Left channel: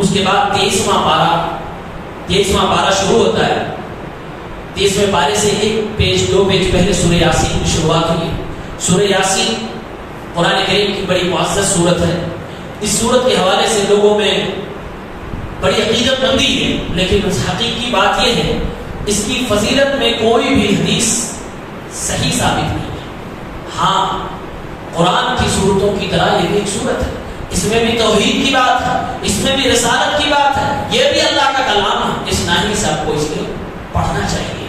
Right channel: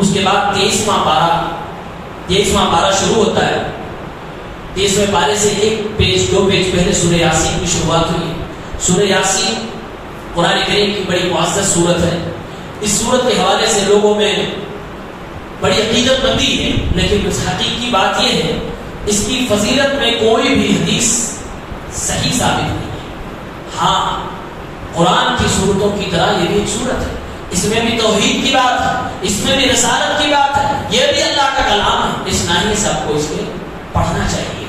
اس کے بعد 23واں پارہ شروع ہوتا ہے. 23ویں پارے سے 1 پیج 2 پیج پہلے سورہ یاسین کی شروعات ہوئی. سورہ یاسین قرآن کریم کی بڑی معزز سورت ہے. اس سورت کے حوالے سے لوگوں میں بڑی عقیدت مندی ہے، لیکن حقیقی بات یہ ہے اس کی فضیلت میں کوئی بھی حدیث صحیح ثابت نہیں ہے. ہاں قرآن کی صورتوں کی طرح یہ بھی ایک صورت ہے، اس میں بھی توحید کی بات ہے، اس میں بھی رسالت کی بات ہے، یہ بھی اللہ کا کلام ہے. اس ناہی سب کو اس میں پڑھنا چاہیے.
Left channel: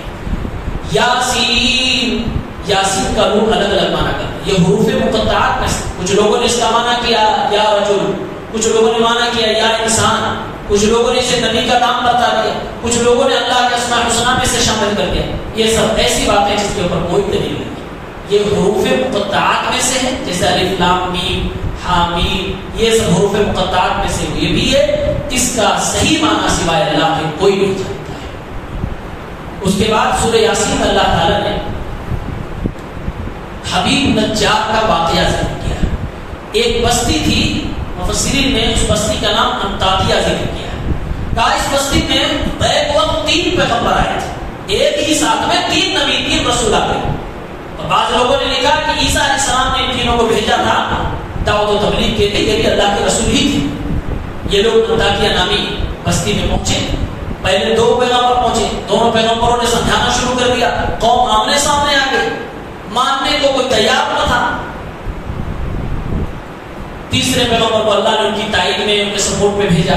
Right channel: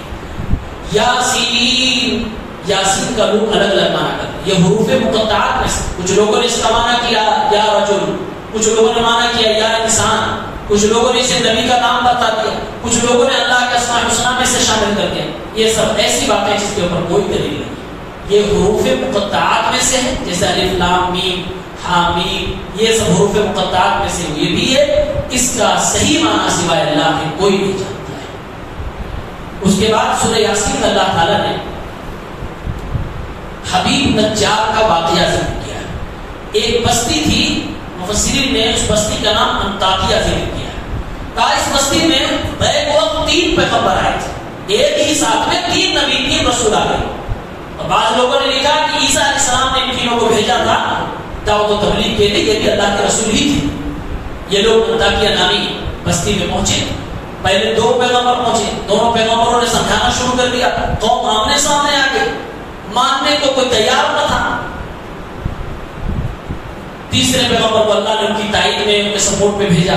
یاسین، یاسین کا روح الگ الگ معنی کرتا ہے. یہ حروف مقطعات میں سے کچھ لوگوں نے اس کا معنی کیا یا رجل، کچھ لوگوں نے معنی کیا یا انسان، کچھ لوگوں نے اسے نبی کا نام بتا دیا، کچھ لوگوں نے اللہ کے اسماء الحسنی میں سے شامل کر دیا. یہ سب ایسی باتیں جس کے اوپر کوئی دلیل نہیں. یہ حروف مقطعات میں سے ہے، جیسے الف لام میم حامیم، یہ سب حروف مقطعات میں سے یہ بھی ہے. اس کا صحیح معنی سوائے اللہ کے کوئی نہیں جانتا ہے. اس کے بعد سورہ یاسین میں اللہ تعالیٰ نے حبیب نجار کا واقعہ ذکر کیا ہے. ایک بستی تھی، مفسرین نے اس بستی کا نام انطاکیہ ذکر کیا ہے. کہا اس بستی میں بیک وقت 3 پیغمبر آئے تھے، ایک ہی ساتھ میں 3 نبی 3 رسول آ گئے. تو بعض لوگوں نے لکھا کہ عیسیٰ علیہ السلام نے ان تینوں کو بھیجا تھا دعوت و تبلیغ کے لیے، یہ بھی اللہ کے رسول ہی تھے. یہ لوگ انطاکیہ نامی بستی میں پہنچے. پہلے 2 پیغمبر پہنچے، دونوں پیغمبروں نے سمجھانا شروع کر دیا. قوم آمنے سامنے آ گئی، ماننے کو کوئی تیار نہ تھا. تیسرے پیغمبر کو اللہ نے ان کی تائید میں، ان کے سپورٹ میں بھیجا.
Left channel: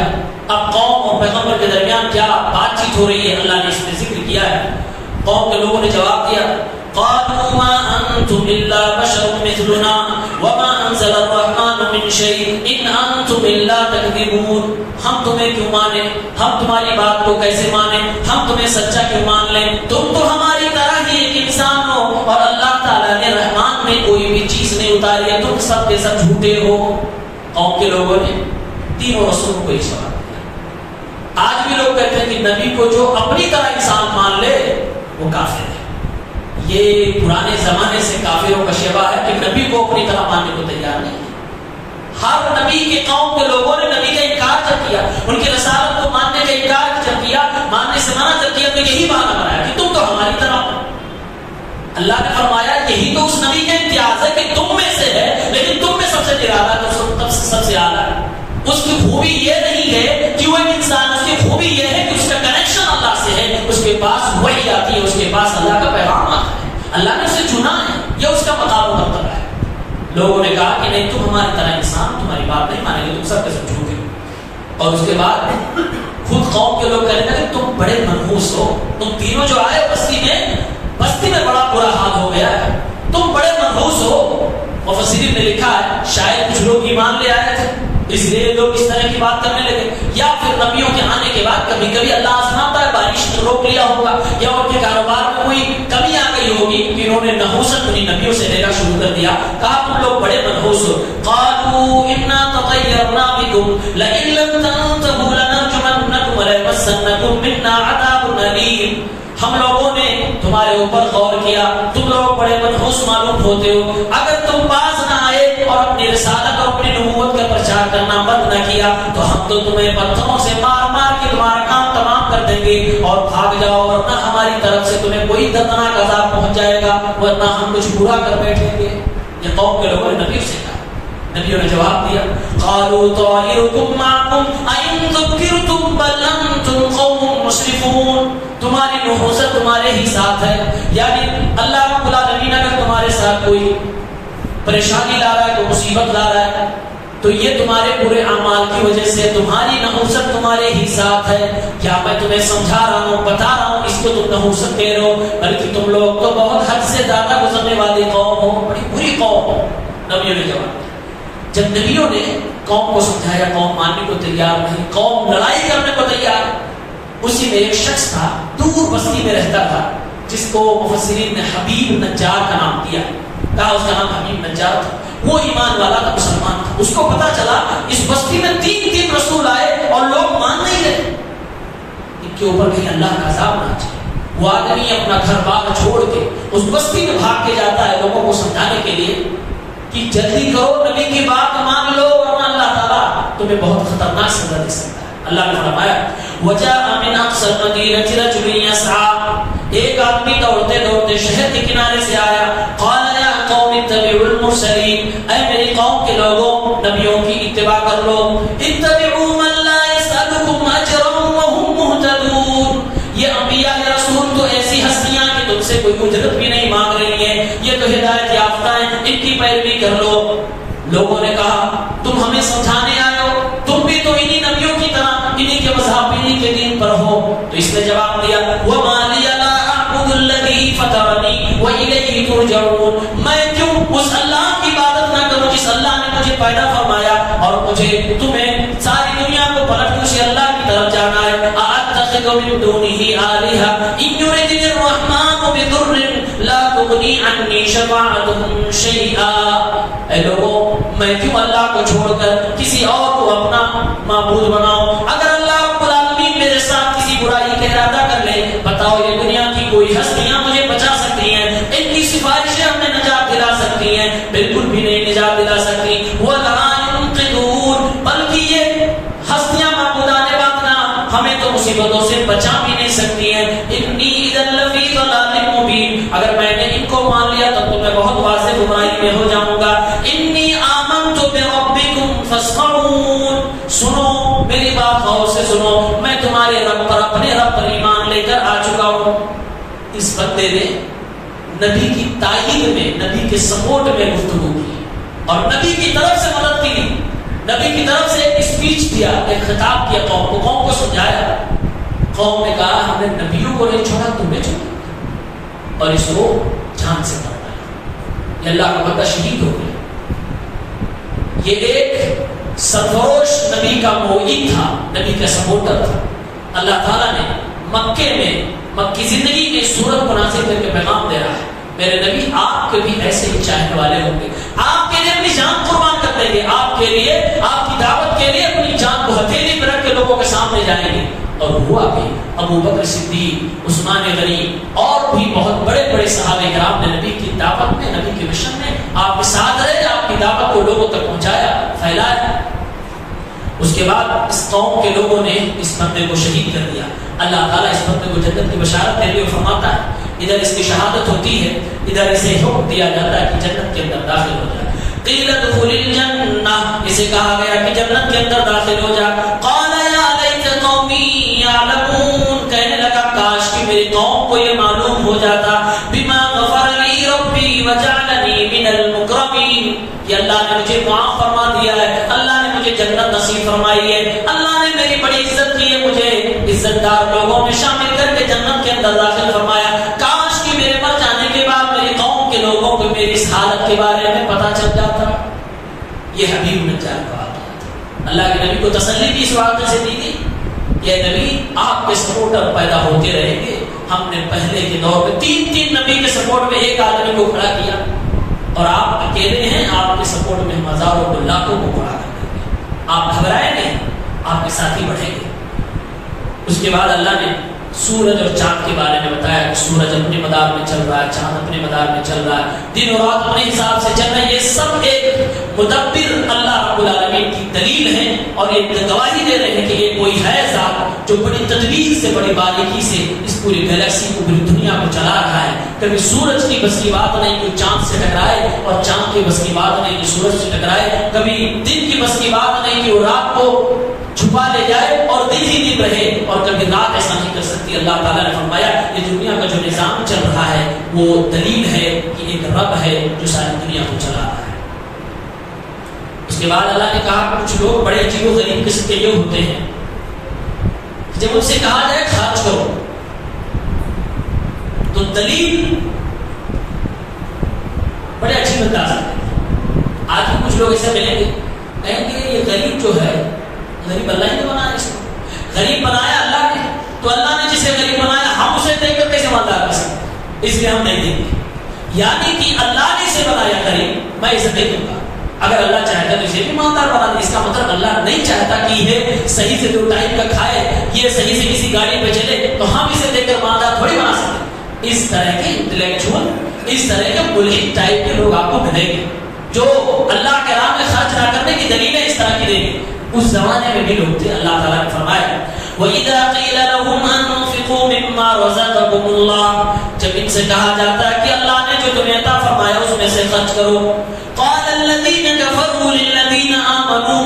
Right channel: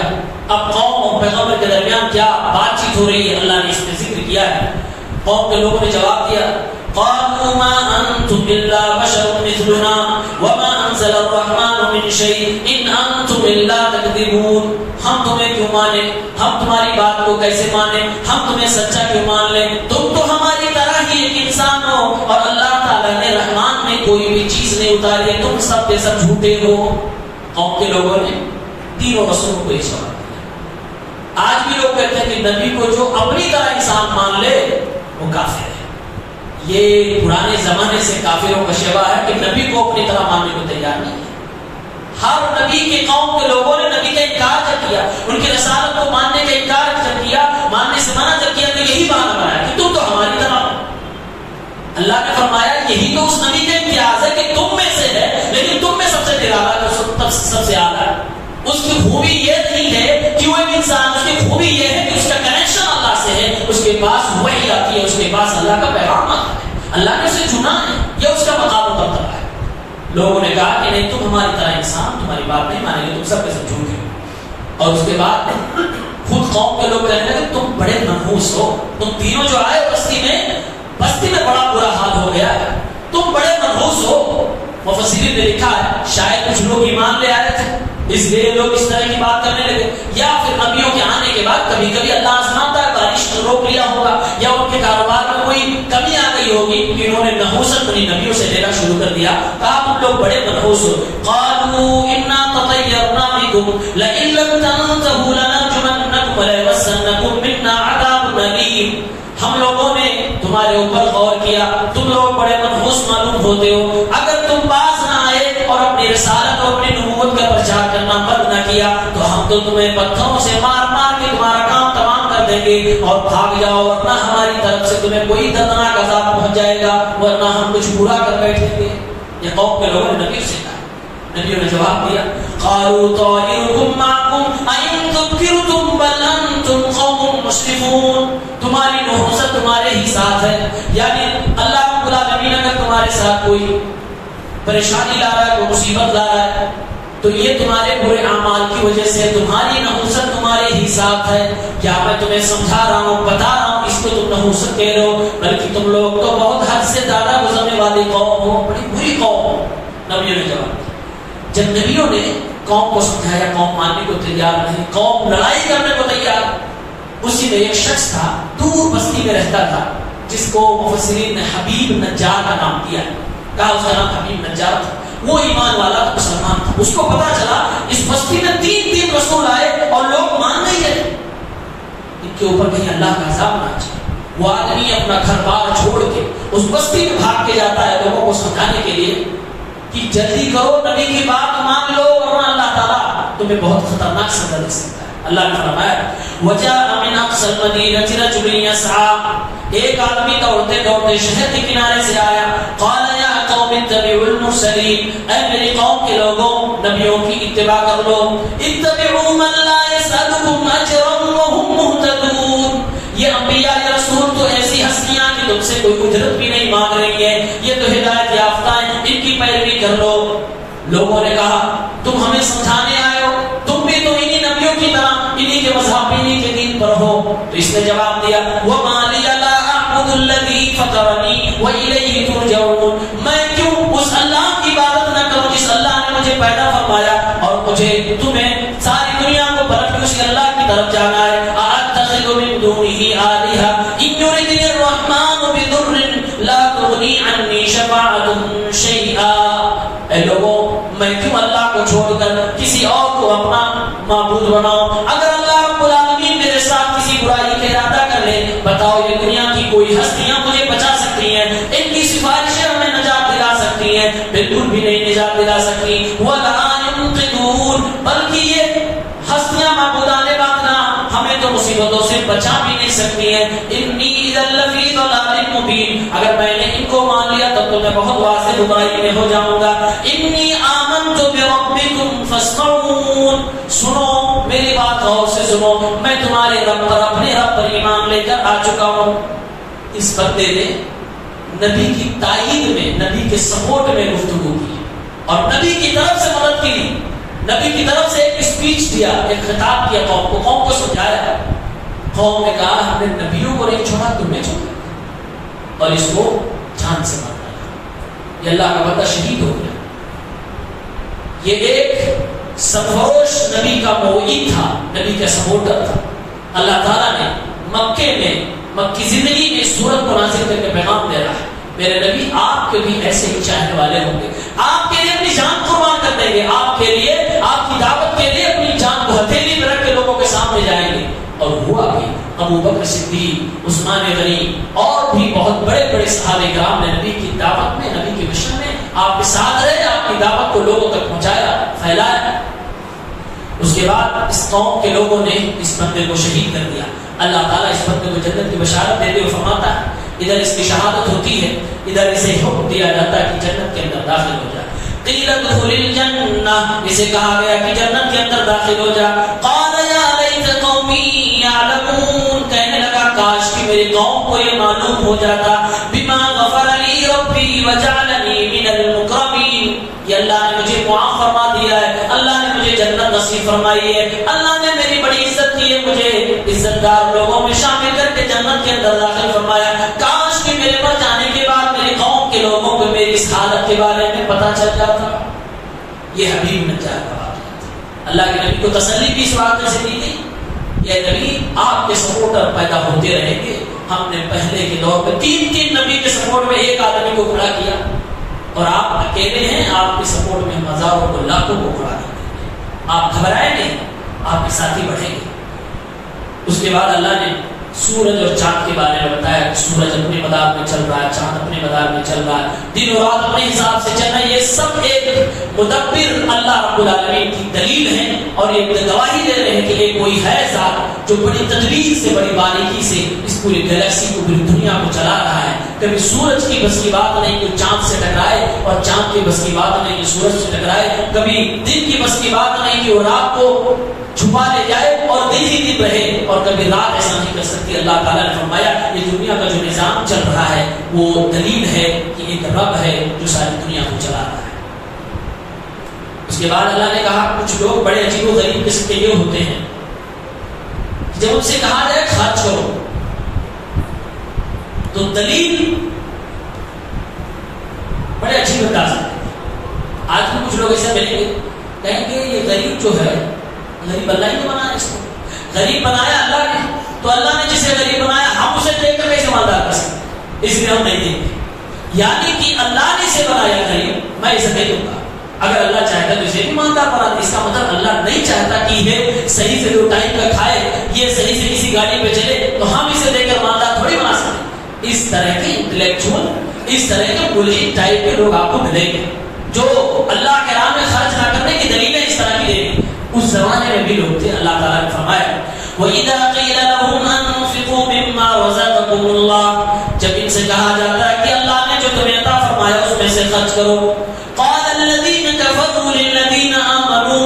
اب قوم اور پیغمبر کے درمیان کیا بات چیت ہو رہی ہے اللہ نے اس میں ذکر کیا ہے. قوم کے لوگوں نے جواب دیا، قالوا ما انتم الا بشر مثلنا وما انزل الرحمن من شيء ان انتم الا تكذبون. ہم تمہیں کیوں مانے، ہم تمہاری بات کو کیسے مانے، ہم تمہیں سچا کیوں مان لیں، تم تو ہماری طرح ہی ایک انسان ہو اور اللہ تعالیٰ نے رحمان میں کوئی بھی چیز نہیں اتاری ہے، تم سب کے سب جھوٹے ہو. قوم کے لوگوں نے تینوں رسولوں کو یہ جواب دیا. آج بھی لوگ کہتے ہیں کہ نبی کو جو اپنی طرح انسان مان لے وہ کافر ہے. یہ پرانے زمانے سے کافروں کا شیوا ہے کہ نبی کو اپنی طرح ماننے کو تیار نہیں ہے. ہر نبی کی قوم کے لوگوں نے نبی کا انکار جب کیا، ان کی رسالت کو ماننے کا انکار جب کیا، ماننے سے منع جب کیا، تو یہی مانا گیا کہ تم تو ہماری طرح ہو. اللہ نے فرمایا یہی تو اس نبی کا امتیاز ہے کہ تم میں سے ہے، لیکن تم میں سب سے نرالا تو سب سے اعلیٰ ہے. اس کی خوبی یہ نہیں ہے کہ وہ ایک انسان، اس کی خوبی یہ ہے کہ اس کا کنیکشن اللہ سے ہے، اس کے پاس وحی آتی ہے، اس کے پاس اللہ کا پیغام آتا ہے، اللہ نے اسے چنا ہے، یہ اس کا مقام و مرتبہ ہے. لوگوں نے کہا کہ نہیں تم ہماری طرح انسان، تمہاری بات نہیں مانیں گے، تم سب کے سب جھوٹے ہو. اور اس کے بعد خود قوم کے لوگ کہنے لگے تم بڑے منحوس ہو، تم تینوں جو آئے بستی میں بڑا برا حال ہو گیا ہے، تم بڑے منحوس ہو. مفسرین نے لکھا ہے شاید کچھ لوگ ایمان لے آئے تھے اس لیے لوگ اس طرح کی بات کرنے لگے، یا پھر نبیوں کے آنے کے بعد کبھی کبھی اللہ آسمان پر بارش روک لیا ہوگا، یا ان کے کاروبار میں کوئی کمی آ گئی ہوگی کہ انہوں نے نحوست اپنی نبیوں سے لینا شروع کر دیا. کہا تم لوگ بڑے منحوس ہو. قالوا انا تطيرنا بكم لئن لم تنتهوا لنرجمنكم وليمسنكم منا عذاب اليم. ہم لوگوں نے تمہارے اوپر غور کیا، تم لوگ بڑے منحوس معلوم ہوتے ہو، اگر تم باز نہ آئے اور اپنی رسالت اور اپنی نبوت کا پرچار کرنا بند نہ کیا تو ہم تو تمہیں پتھروں سے مار مار کے تمہارا کام تمام کر دیں گے اور بھاگ جاؤ، ورنہ ہماری طرف سے تمہیں کوئی دردناک عذاب پہنچ جائے گا، ورنہ ہم کچھ برا کر بیٹھیں گے. یہ قوم کے لوگوں نے نبی سے کہا. نبیوں نے جواب دیا قالوا طائركم معكم أئن ذكرتم بل أنتم قوم مسرفون. تمہاری نحوست تمہارے ہی ساتھ ہے، یعنی اللہ رب العالمین اگر تمہارے ساتھ کوئی پریشانی لا رہا ہے، کوئی مصیبت لا رہا ہے تو یہ تمہارے برے اعمال کی وجہ سے، تمہاری نحوست تمہارے ہی ساتھ ہے. کیا میں تمہیں سمجھا رہا ہوں، بتا رہا ہوں اس کو تم نحوست کہہ رہے ہو، بلکہ تم لوگ تو بہت حد سے زیادہ گزرنے والی قوم ہو، بڑی بری قوم ہو. نبیوں نے جواب دیا. جب نبیوں نے قوم کو سمجھایا، قوم ماننے کو تیار نہیں، قوم لڑائی کرنے کو تیار. اسی میں ایک شخص تھا دور بستی میں رہتا تھا جس کو مفسرین نے حبیب نجار کا نام دیا. کہا اس کا نام حبیب نجار تھا. وہ ایمان والا تھا، مسلمان تھا. اس کو پتا چلا اس بستی میں 3 رسول آئے اور لوگ مان نہیں رہے، ان کے اوپر کہیں اللہ کا عذاب نہ آ جائے. وہ آدمی اپنا گھر بار چھوڑ کے اس بستی میں بھاگ کے جاتا ہے لوگوں کو سمجھانے کے لیے کہ جلدی کرو، نبی کی بات مان لو ورنہ اللہ تعالیٰ تمہیں بہت خطرناک سزا دے سکتا ہے. اللہ نے فرمایا وجاء من اقصى المدينة رجل يسعى، ایک آدمی دوڑتے دوڑتے شہر کے کنارے سے آیا. قال يا قوم اتبعوا المرسلين، اے میری قوم کے لوگوں نبیوں کی اتباع کر لو. اتبعوا من لا يسألكم اجرا وهم مهتدون، یہ انبیاء رسول تو ایسی ہستیاں کہ تم سے کوئی اجرت بھی نہیں مانگ رہی ہیں، یہ تو ہدایت یافتہ ہیں، ان کی پیروی کر لو. لوگوں نے کہا تم ہمیں سمجھانے آئے ہو، تم بھی تو انہی نبیوں کی طرح انہی کے مذہب انہی کے دین پر ہو. تو اس نے جواب دیا وما لي لا اعبد الذي فطرني واليه ترجعون، میں کیوں اس اللہ کی عبادت نہ کروں جس اللہ نے مجھے پیدا فرمایا اور مجھے تمہیں ساری دنیا کو پلٹ کر اسے اللہ کی طرف جانا ہے. اتخذ من دونه آلهة ان يردني الرحمن بضر لا تغني عني شفاعتهم شيئا. اے لوگوں میں کیوں اللہ کو چھوڑ کر کسی اور کو اپنا معبود بناؤں؟ اگر اللہ رب العالمین میرے ساتھ کسی برائی کا ارادہ کر لے، بتاؤ یہ دنیا کی کوئی ہستیاں مجھے بچا سکتی ہیں؟ ان کی سفارشیں ہمیں نجات دلا سکتی ہیں؟ بالکل بھی نہیں نجات دلا سکتی. وَلَا يُنقِذُونَ، بلکہ یہ ہستیاں معبودان باطلا ہمیں تو مصیبتوں سے بچا بھی نہیں سکتی ہیں. انی اذا لفی ضلال مبین، اگر میں نے ان کو مان لیا تب تو میں بہت واضح گمراہی میں ہو جاؤں گا. انی آمنت بربکم فاسمعون، سنو میری بات غور سے سنو، میں تمہارے رب پر اپنے رب پر ایمان لے کر آ چکا ہوں. اس بندے نے نبی کی تائید میں، نبی کے سپورٹ میں گفتگو کی اور نبی کی طرف سے مدد کی، نبی کی طرف سے ایک اسپیچ دیا، ایک خطاب کیا قوم کو سمجھایا. قوم نے کہا ہم نے نبیوں کو نہیں چھوڑا، تم نے چھوڑا اور اس کو جان سے مار ڈالا. یہ اللہ کا بندہ شہید ہو گیا. یہ ایک سرفروش نبی کا معید تھا، نبی کا سپورٹر تھا. اللہ تعالیٰ نے مکے میں مکی زندگی میں صورت کو نازل کر کے پیغام دے رہا ہے میرے نبی آپ کے بھی ایسے ہی چاہنے والے ہوں گے، آپ کے لیے اپنی جان قربان کر دیں گے، آپ کے لیے آپ کی دعوت کے لیے اپنی جان کو ہتھیلی پہ رکھ کے لوگوں کے سامنے جائیں گے. اور ہوا بھی. ابو بکر صدیق، عثمان غنی اور بھی بہت بڑے بڑے صحابہ کرام نے نبی کی دعوت میں، نبی کے مشن میں آپ کے ساتھ رہے، آپ کی دعوت کو لوگوں تک پہنچایا، پھیلایا. اس کے بعد اس قوم کے لوگوں نے اس بندے کو شہید کر دیا. اللہ تعالیٰ اس بندے کو جنت کی بشارت دیتے ہوئے فرماتا ہے ادھر اس کی شہادت ہوتی ہے، ادھر اسے حکم دیا جاتا ہے کہ جنت کے اندر داخل ہو جا. قیل ادخل الجنہ، اسے کہا گیا کہ جنت کے اندر داخل ہو جا. قال یا لیت قومی یعلمون، کہنے لگا کاش کہ میری قوم کو یہ معلوم ہو جاتا. بما غفر لی ربی وجعلنی من المکرمین، یہ اللہ نے مجھے معاف فرما دیا ہے، اللہ نے مجھے جنت نصیب فرمائی ہے، اللہ نے میری بڑی عزت کی ہے، مجھے عزت دار لوگوں میں شامل کر کے جنت کے اندر داخل فرمایا. کاش کہ میرے پر جانے کے بعد میری قوم کے لوگوں کو میری اس حالت کے بارے میں پتہ چل جاتا. یہ حبیب نجار کا واقعہ. اللہ کے نبی کو تسلی بھی اس واقعے سے دی گئی. یہ نبی آپ کے سپورٹر پیدا ہوتے رہیں گے. ہم نے پہلے کے دور میں تین نبی کے سپورٹ میں ایک آدمی کو کھڑا کیا اور آپ اکیلے ہیں، آپ کے سپورٹ میں ہم ہزاروں کو لاکھوں کو کھڑا کر دیں گے. آپ گھبرائیں گے، آپ کے ساتھی بڑھیں گے. اس کے بعد اللہ نے سورج اور چاند کے بارے میں بتایا کہ سورج اپنے مدار میں چل رہا ہے، چاند اپنے مدار میں چل رہا ہے، دن اور رات اپنے حساب سے چل رہا ہے. یہ سب ایک مدبر اللہ رب العالمین کی دلیل ہے اور یہ گواہی دے رہے ہیں کہ یہ کوئی ہے ذات جو بڑی تدبیر سے، بڑی باریکی سے اس پوری گلیکسی کو، پوری دنیا کو چلا رہا ہے. کبھی سورج کی بس کی بات نہیں کہ چاند سے ٹکرائے اور چاند کی بس کی بات نہیں کہ سورج سے ٹکرائے. کبھی دن کی بس کی بات نہیں کہ وہ رات کو چھپا لے جائے اور دن ہی دن رہے، اور کبھی رات ایسا نہیں کر سکتی. اللہ تعالیٰ نے فرمایا یہ دنیا کا جو نظام چل رہا ہے وہ دلیل ہے کہ ایک رب ہے جو ساری دنیا کو چلا رہا ہے. اس کے بعد اللہ نے کہا کچھ لوگ بڑے عجیب و غریب قسم کے یہ ہوتے ہیں، جب ان سے کہا جائے خرچ کرو تو دلیل بڑے عجیب انداز ہے. آج بھی کچھ لوگ ایسا ملیں گے، کہیں گے یہ غریب جو ہے، غریب اللہ نے بنایا، اس کو غریب بنایا اللہ نے، تو اللہ نے جسے غریب بنایا ہم اسے دیکھ کر کیسے مالدار کر سکتے، اس لیے ہم نہیں دیں گے. یعنی کہ اللہ نے اسے بنایا غریب، میں اسے دے دوں گا. اگر اللہ چاہتا تو اسے بھی مالدار بنا دے. اس کا مطلب اللہ نہیں چاہتا کہ یہ صحیح سے 2 ٹائم کا کھائے، یہ صحیح سے کسی گاڑی پہ چلے تو ہم اسے دے کر مالدار تھوڑی بنا سکتے. اس طرح کے انٹلیکچوئل، اس طرح کے ملحد ٹائپ کے لوگ آپ کو ملیں گے جو اللہ کے راہ میں خرچ نہ کرنے کی دلیلیں اس طرح کی دیں گے. اس زمانے میں بھی لوگ تھے. اللہ تعالیٰ نے فرمایا وَإِذَا قِيلَ لَهُمْ أَنفِقُوا مِمَّا رَزَقَكُمُ اللَّهُ، جب ان سے کہا جاتا ہے کہ اللہ نے جو تمہیں عطا فرمایا اس میں سے خرچ کرو، قَالَ الَّذِينَ كَفَرُوا لِلَّذِينَ آمَنُوا،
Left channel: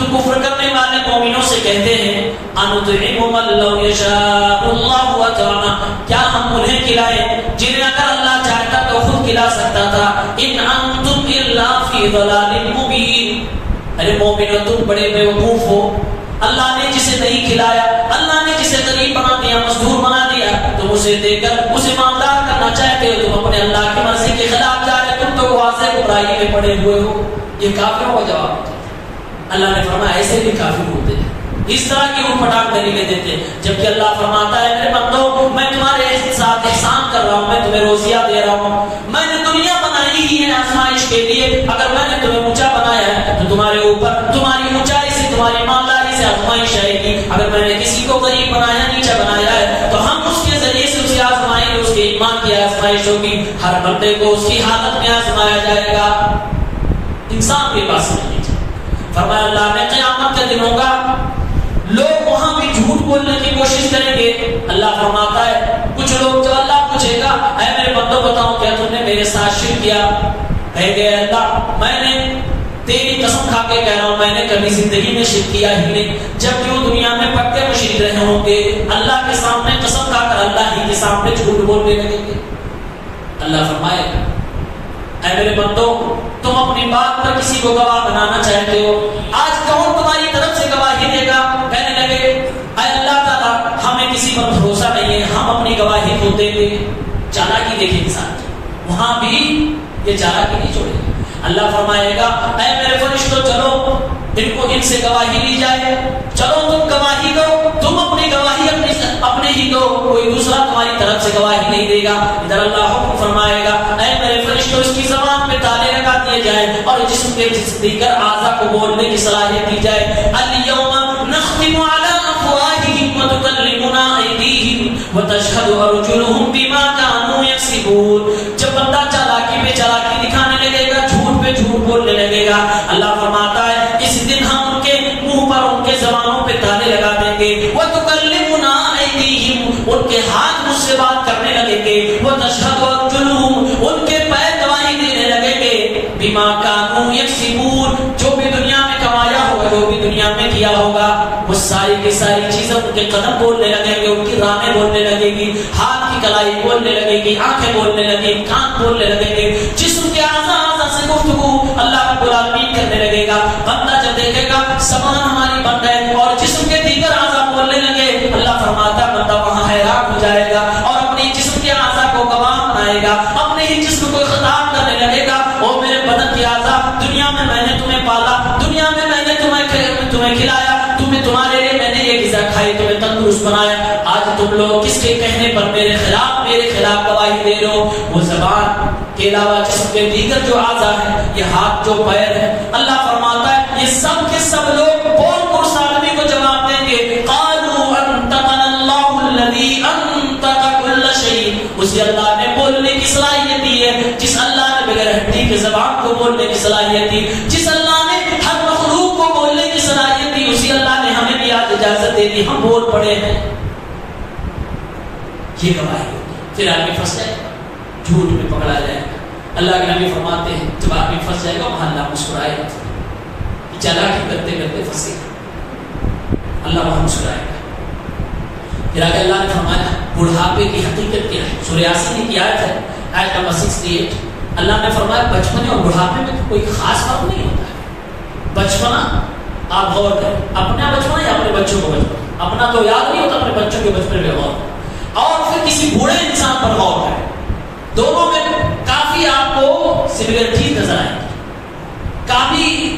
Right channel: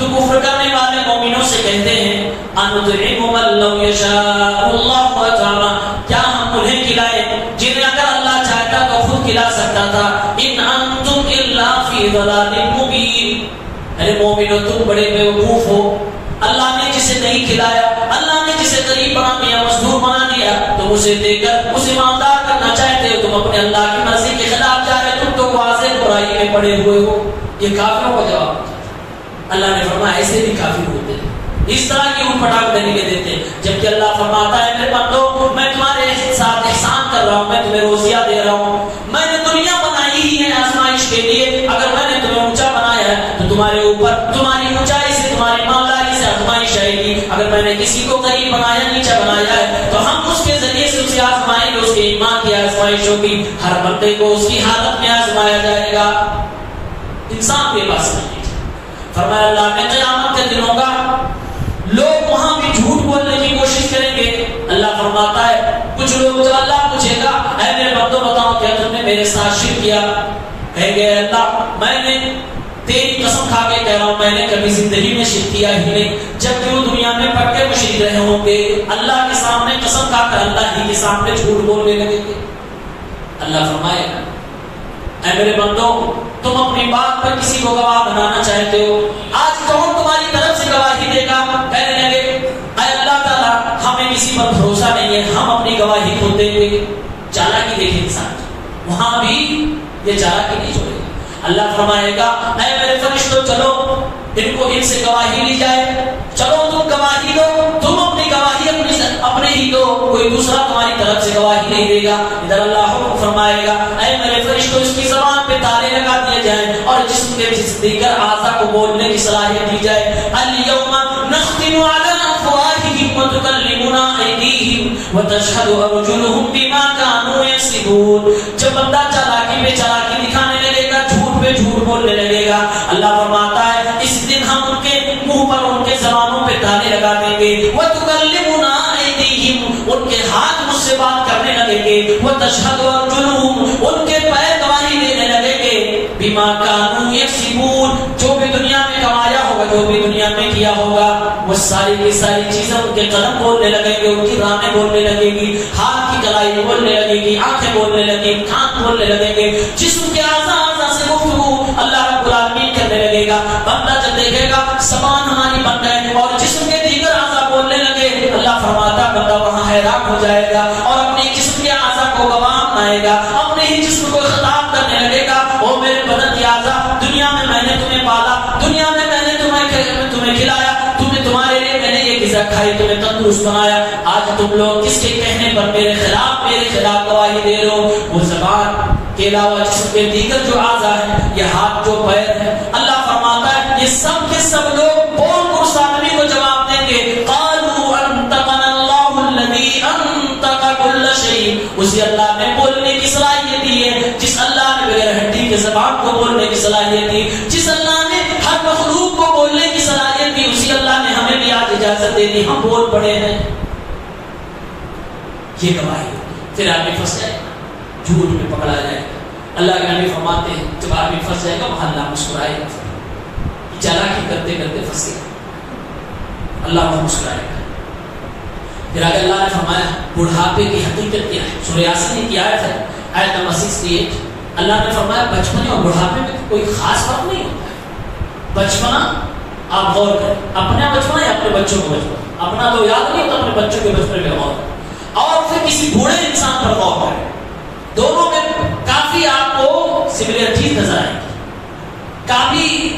تو کفر کرنے والے مومنوں سے کہتے ہیں أَنُطْعِمُ مَن لَّوْ يَشَاءُ اللَّهُ أَطْعَمَهُ، کیا ہم انہیں کھلائیں جنہیں اگر اللہ چاہتا تو خود کھلا سکتا تھا، إِنْ أَنتُمْ إِلَّا فِي ضَلَالٍ مُّبِينٍ، ارے مومنو تم بڑے بیوقوف ہو، اللہ نے جسے نہیں کھلایا، اللہ نے جسے غریب بنا دیا، مزدور بنا دیا، تم اسے دے کر اسے معاملات کرنا چاہتے ہو، تم اپنے اللہ کی مرضی کے خلاف جا رہے، تم تو واضح برائی میں پڑے ہوئے ہو۔ یہ کافروں کا جواب اللہ نے فرمایا ایسے بھی کافر ہوتے ہیں، اس طرح کی ان پٹاخ دلیلیں دیتے ہیں، جبکہ اللہ فرماتا ہے میرے بندو میں تمہارے ساتھ احسان کر رہا ہوں، میں تمہیں روزیاں دے رہا ہوں، میں نے دنیا بنائی ہی ہے آزمائش کے لیے، اگر میں نے تمہیں اونچا بنایا ہے تو تمہارے اوپر تمہاری اونچائی سے تمہاری مالداری سے آزمائش آئے گی، اگر میں نے کسی کو غریب بنایا نیچا بنایا ہے تو ہم اس کے ذریعے سے اسے آزمائیں گے، اس کے ایمان کی آزمائش ہوگی، ہر بندے کو اس کی حالت میں آزمایا جائے گا، انسان کے پاس نہیں۔ فرمایا اللہ نے قیامت کا دن ہوگا، لوگ وہاں بھی جھوٹ بولنے کی کوشش کریں گے، اللہ فرماتا ہے کچھ لوگ جو اللہ پوچھے گا اے میرے بندو بتاؤ کیا تم نے میرے ساتھ شرک کیا، کہیں گے اللہ میں نے تیری قسم کھا کے کہہ رہا ہوں میں نے کبھی زندگی میں شرک کیا ہی نہیں، جب جو دنیا میں پکے مشرک رہے ہوں گے اللہ کے سامنے قسم کھا کر اللہ ہی کے سامنے جھوٹ بولنے لگیں گے۔ اللہ فرمائے اے میرے بندو تم اپنی بات پر کسی کو گواہ بنانا چاہتے ہو، آج کون تمہاری طرف سے گواہی دے گا؟ کہنے لگے اے اللہ تعالیٰ ہمیں کسی پر بھروسہ نہیں ہے، ہم اپنی گواہی کھو دیں گے۔ چالاکی دیکھیں انسان، وہاں بھی یہ چالاکی نہیں چھوڑے گا، اللہ فرمائے گا اے میرے فرشتوں چلو ان کو ان سے گواہی لی جائے، چلو تم گواہی دو، تم اپنی گواہی اپنے ہی دو، کوئی دوسرا تمہاری طرف سے گواہی نہیں دے گا۔ ادھر اللہ حکم فرمائے گا اے میرے فرشتوں اس کی زبان پہ تالے لگا دیے جائیں اور جسم کے دیگر اعضاء کو بولنے کی صلاحیت دی جائے۔ الیوم نختم علی افواہہم وتکلمنا ایدیہم وتشہد ارجلہم بما کانوا یکسبون، جب بندہ چالاکی پہ چالاکی دکھانے لگے گا، جھوٹ پہ جھوٹ بولنے لگے گا، اللہ فرماتا ہے اس دن ہم ان کے منہ پر ان کے زبانوں پہ تالے لگا دیں گے، وتکلمنا ایدیہم ان کے ہاتھ مجھ سے بات کرنے لگیں گے، وتشہد ارجلہم ان کے پیر گواہی دینے لگیں گے، بما کانوا یکسبون جو بھی دنیا میں کمایا ہوگا، جو بھی دنیا میں کیا ہوگا، وہ ساری کی ساری چیزیں ان کے قدم بولنے لگیں گے، ان کی رانیں بولنے لگیں گی، ہاتھ کی کلائی بولنے لگے گی، آنکھیں بولنے لگیں گی، کان بولنے لگیں گے، جسم کے اعضاء سے گفتگو اللہ رب العالمین کرنے لگے گا۔ بندہ جب دیکھے گا زبان ہماری بند ہے اور جسم کے دیگر اعضاء بولنے لگے، اللہ فرماتا ہے بندہ وہاں حیران ہو جائے گا اور اپنے جسم کے اعضاء کو گواہ بنائے گا، اپنے ہی جسم کو خطاب کرنے لگے گا او میرے بدن کے اعضاء، دنیا میں میں نے تمہیں پالا، دنیا میں میں نے تمہیں کھلایا، تمہارے لیے میں نے یہ غذا کھائی، تمہیں تندرست بنایا، آج تم لوگ کس کے کہنے پر میرے خلاف گواہی دے رہے ہو؟ وہ زبان کے علاوہ جسم کے دیگر جو اعضاء ہیں، یہ ہاتھ جو پیر ہے، اللہ فرماتا ہے یہ سب کے سب لوگ بول کر اس آدمی کو جواب دیں گے، قالوا انطقنا اللہ الذی انطق کل شیء، اسی اللہ نے بولنے کی صلاحیت دی ہے، جس اللہ نے بغیر ہڈی کے زبان کو بولنے کی صلاحیت دی، جس اللہ نے ہر مخلوق کو بولنے کی صلاحیت دی، اسی اللہ نے ہمیں بھی آج اجازت دے دی، ہم بول پڑے ہیں۔ یہ گواہی پھر آدمی پھنس جائے، جھوٹ میں پکڑا جائے گا۔ اللہ کے نبی فرماتے ہیں جب آدمی پھنس جائے گا وہاں اللہ مسکرائے گا، چالاکی کرتے کرتے پھنسے گا، اللہ وہاں مسکرائے گا۔ پھر آگے اللہ نے فرمایا بڑھاپے کی حقیقت کیا ہے، سورہ یاسین کی آیت ہے، آیت نمبر 68، اللہ نے فرمایا بچپنے اور بڑھاپے میں کوئی خاص فرق نہیں ہوتا ہے۔ بچپنا آپ غور کریں، اپنا بچپنا یا اپنے بچوں کو بچپنا، اپنا تو یاد نہیں ہوتا، اپنے بچوں کے بچپنے میں غور کریں، اور پھر کسی بوڑھے انسان پر غور کریں، دونوں میں کافی آپ کو سملیرٹی نظر آئے گی، کافی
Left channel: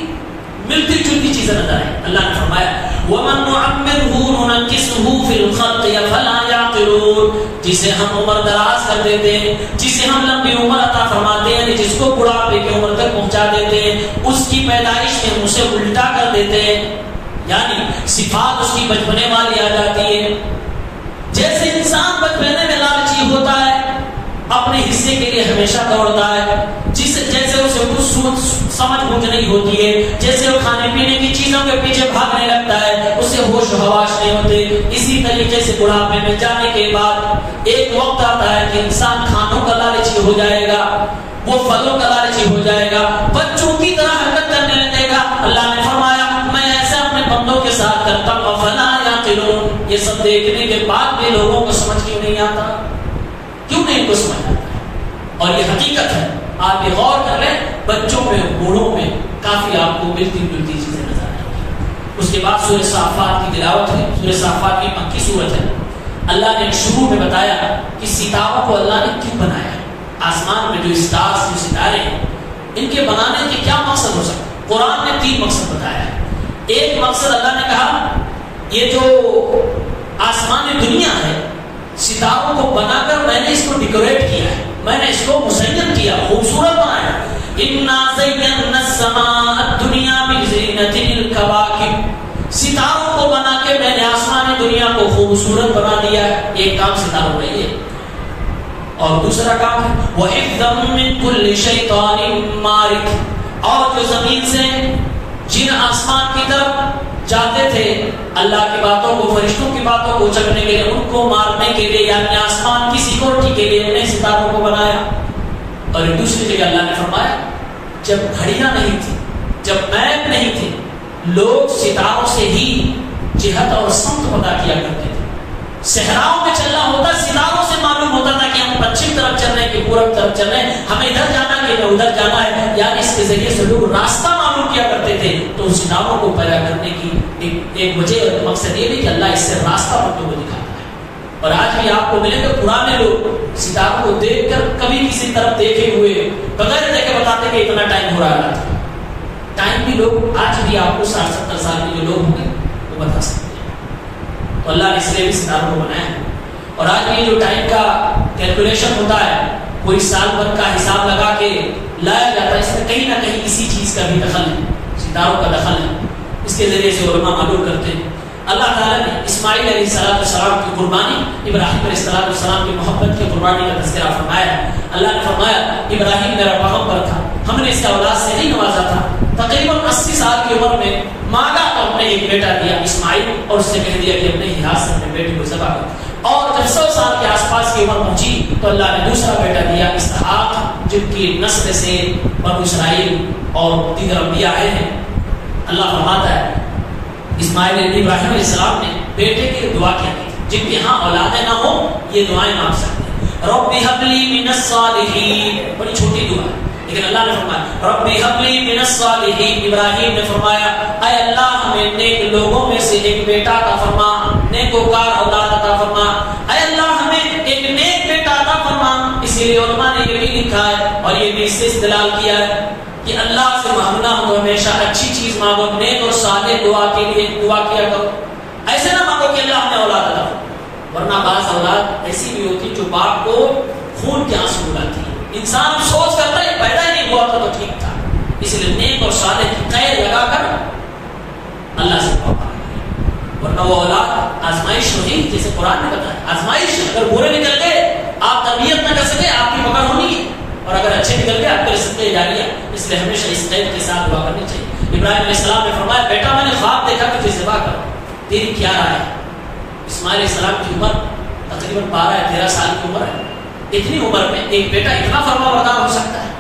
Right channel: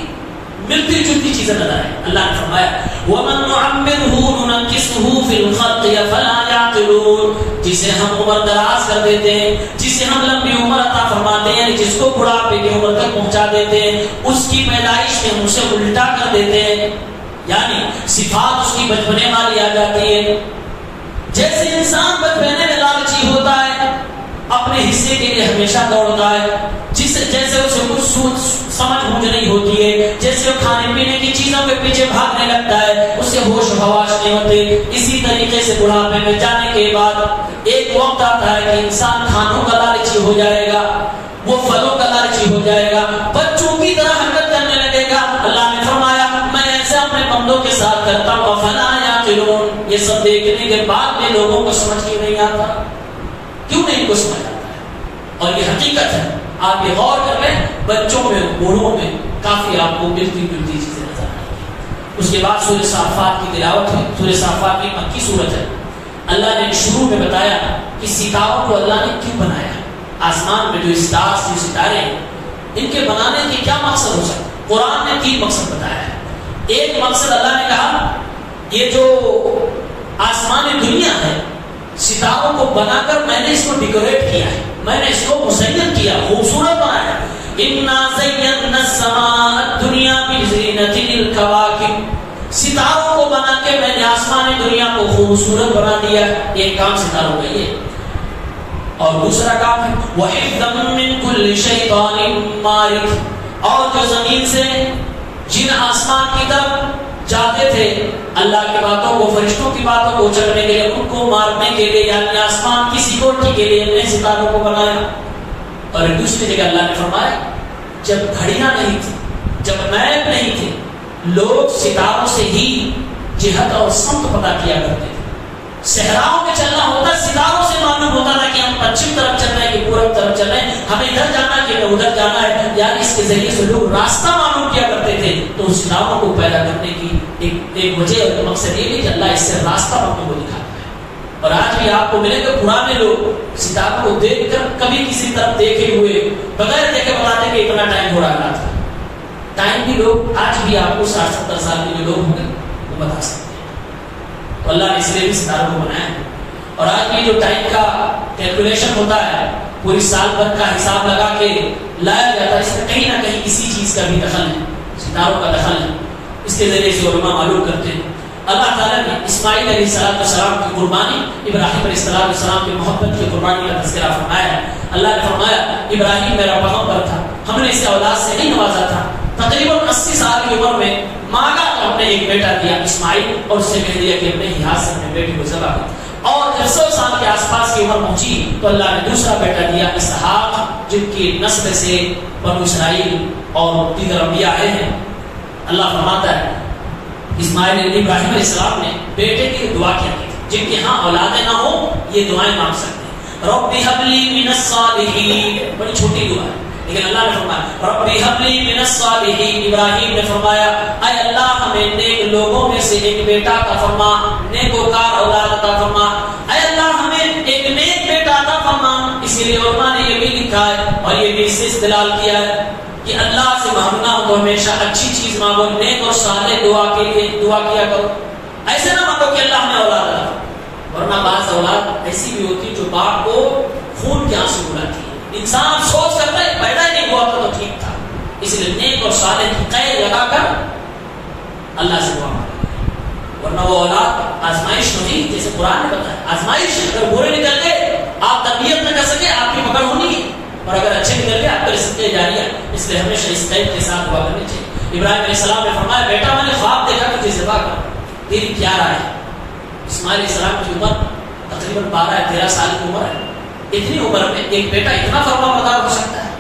ملتی جلتی چیزیں نظر آئیں۔ اللہ نے فرمایا وَمَن نُعَمِّرْهُ نُنَكِّسْهُ فِي الْخَلْقِ أَفَلَا يَعْقِلُونَ، جسے ہم عمر دراز کر دیتے ہیں، جسے ہم لمبی عمر عطا فرماتے ہیں، یعنی جس کو بڑھاپے کی عمر تک پہنچا دیتے ہیں، اس کی پیدائش میں ہم اسے الٹا کر دیتے ہیں، یعنی صفات اس کی بچپنے والی آ جاتی ہے۔ جیسے انسان بچپنے میں لالچی ہوتا ہے، اپنے حصے کے لیے ہمیشہ دوڑتا ہے، جیسے اسے کچھ سمجھ بوجھ نہیں ہوتی ہے، جیسے وہ کھانے پینے کی چیزوں کے پیچھے بھاگنے لگتا ہے، اسے ہوش حواس نہیں ہوتے. اسی طریقے سے بڑھاپے میں جانے کے بعد ایک وقت آتا ہے کہ انسان کھانوں کا لالچی ہو جائے گا, وہ پھلوں کا لالچی ہو جائے گا, بچوں کی طرح حرکت کرنے لگے گا. اللہ نے فرمایا میں ایسا اپنے بندوں کے ساتھ کرتا ہوں فلا یعقلون. یہ سب دیکھنے کے بعد بھی لوگوں کو سمجھ کے نہیں آتا. کیوں نہیں کو سمجھ آتا ہے؟ اور یہ حقیقت ہے. آپ یہ غور کر لیں, بچوں میں بوڑھوں میں کافی آپ کو ملتی چیزیں نظر آئیں گی. اس کے بعد سورہ صافات کی تلاوت ہے. سورہ صافات کی مکی سورت ہے. اللہ نے شروع میں بتایا کہ ستاروں کو اللہ نے کیوں بنایا. آسمان میں جو اسٹارز جو ستارے ہیں ان کے بنانے کے کیا مقصد ہو سکتا ہے؟ قرآن نے 3 مقصد بتایا ہے. ایک مقصد اللہ نے کہا یہ جو آسمانی دنیا ہے ستاروں کو بنا کر میں نے اس کو ڈیکوریٹ کیا ہے, میں نے اس کو مزین کیا, خوبصورت بنایا. انا زینا السماء الدنیا بزینۃ الکواکب. ستاروں کو بنا کے میں نے آسمانی دنیا کو خوبصورت بنا دیا. ایک کام ستاروں کا یہ. اور دوسرا کام ہے وَحِفْظًا مِّن كُلِّ شَيْطَانٍ مَارِدٍ. اور جو زمین سے جن آسمان کی طرف جاتے تھے اللہ کی باتوں کو, فرشتوں کی باتوں کو چکنے کے لیے, ان کو مارنے کے لیے, یعنی آسمان کی سیکورٹی کے لیے نئے ستاروں کو بنایا. اور دوسری جگہ اللہ نے فرمایا جب گھڑیاں نہیں تھی, جب میپ نہیں تھے, لوگ ستاروں سے ہی جہت اور سمت پتا کیا کرتے تھے. صحراؤں میں چلنا ہوتا ستاروں سے معلوم ہوتا تھا کہ ہم پچھم طرف چل رہے ہیں کہ پورب طرف چل رہے ہیں, ہمیں ادھر جانا ہے کہ ادھر جانا ہے. یعنی اس کے ذریعے سے لوگ راستہ معلوم کیا کرتے تھے. تو ستاروں کو پیدا کرنے کی ایک وجہ اور مقصد یہ بھی کہ اللہ اس سے راستہ بندوں کو دکھاتا ہے. اور آج بھی آپ کو ملے گا پرانے لوگ ستاروں کو دیکھ کر کبھی کسی طرف دیکھے ہوئے بغیر دیکھے بتاتے کہ اتنا ٹائم ہو رہا تھا. ٹائم بھی لوگ آج بھی آپ کو 60-70 سال کے جو لوگ ہوں گے وہ بتا سکتے ہیں. تو اللہ نے اس لیے بھی ستاروں کو بنایا. اور آج بھی جو ٹائم کا کیلکولیشن ہوتا ہے پوری سال بھر کا حساب لگا کے لایا جاتا ہے, اس میں کہیں نہ کہیں کسی چیز کا بھی دخل ہے, ستاروں کا دخل ہے. اس کے ذریعے سے علماء معلوم کرتے ہیں. اللہ تعالیٰ نے اسماعیل علیہ السلام کی قربانی, ابراہیم علیہ السلام کی محبت کی قربانی کا تذکرہ فرمایا. اللہ نے فرمایا ابراہیم میرا پیغمبر تھا, ہم نے اس کا اولاد سے نہیں نوازا تھا. تقریباً 80 سال کی عمر میں مانگا تو ہم نے ایک بیٹا دیا اسماعیل, اور اس سے کہہ دیا کہ اپنے ہی ہاتھ سے اپنے بیٹے کو ذبح کر. اور جب 100 سال کے آس پاس کی عمر پہنچی تو اللہ نے دوسرا بیٹا دیا اسحاق, جن کی نسل سے بنو اسرائیل اور دیگر انبیاء آئے ہیں. اللہ فرماتا ہے اسماعیل ابراہیم علیہ السلام نے بیٹے کی دعا کیا کی, جن کے ہاں اولادیں نہ ہو یہ دعائیں مانگ سکتے ہیں. رب هب لي من الصالحین, بڑی چھوٹی دعا ہے لیکن اللہ نے فرمایا رب هب لي من الصالحین. ابراہیم نے فرمایا اے اللہ ہمیں نیک لوگوں میں سے ایک بیٹا عطا فرما, نیکوکار اولاد عطا فرما. اے اللہ ہمیں ایک نیک بیٹا عطا فرما. اسی لیے علماء نے یہ بھی لکھا ہے اور یہ بھی اس سے استدلال کیا ہے کہ اللہ سے مانگنا ہو تو ہمیشہ اچھی چیز مانگو, نیک اور صالح دعا کے لیے دعا کیا کرو. ایسے نہ مانگو کہ اللہ ہمیں اولاد عطا فرما, ورنہ بعض اولاد ایسی بھی ہوتی جو باپ کو خون کے آنسو رلاتی ہے. انسان افسوس کرتا ہے پیدا ہی نہیں ہوا تھا تو ٹھیک تھا. اس لیے نیک اور صالح کی قید لگا کر اللہ سے دعا مانگو, ورنہ وہ اولاد آزمائش ہوئی. جیسے قرآن نے بتایا آزمائش, اگر برے نکل گئے آپ تربیت نہ کر سکے آپ کی پکڑ ہونی ہے, اور اگر اچھے نکل گئے آپ کا رزق جاری ہے. اس لیے ہمیشہ اس قید کے ساتھ دعا کرنی چاہیے. ابراہیم علیہ السلام نے فرمایا بیٹا میں نے خواب دیکھا کہ تجھے ذبح کرو, تیری کیا رائے ہے؟ اسماعیل علیہ السلام کی عمر تقریباً 12-13 سال کی عمر ہے. اتنی عمر میں ایک بیٹا اتنا فرمانبردار ہو سکتا ہے,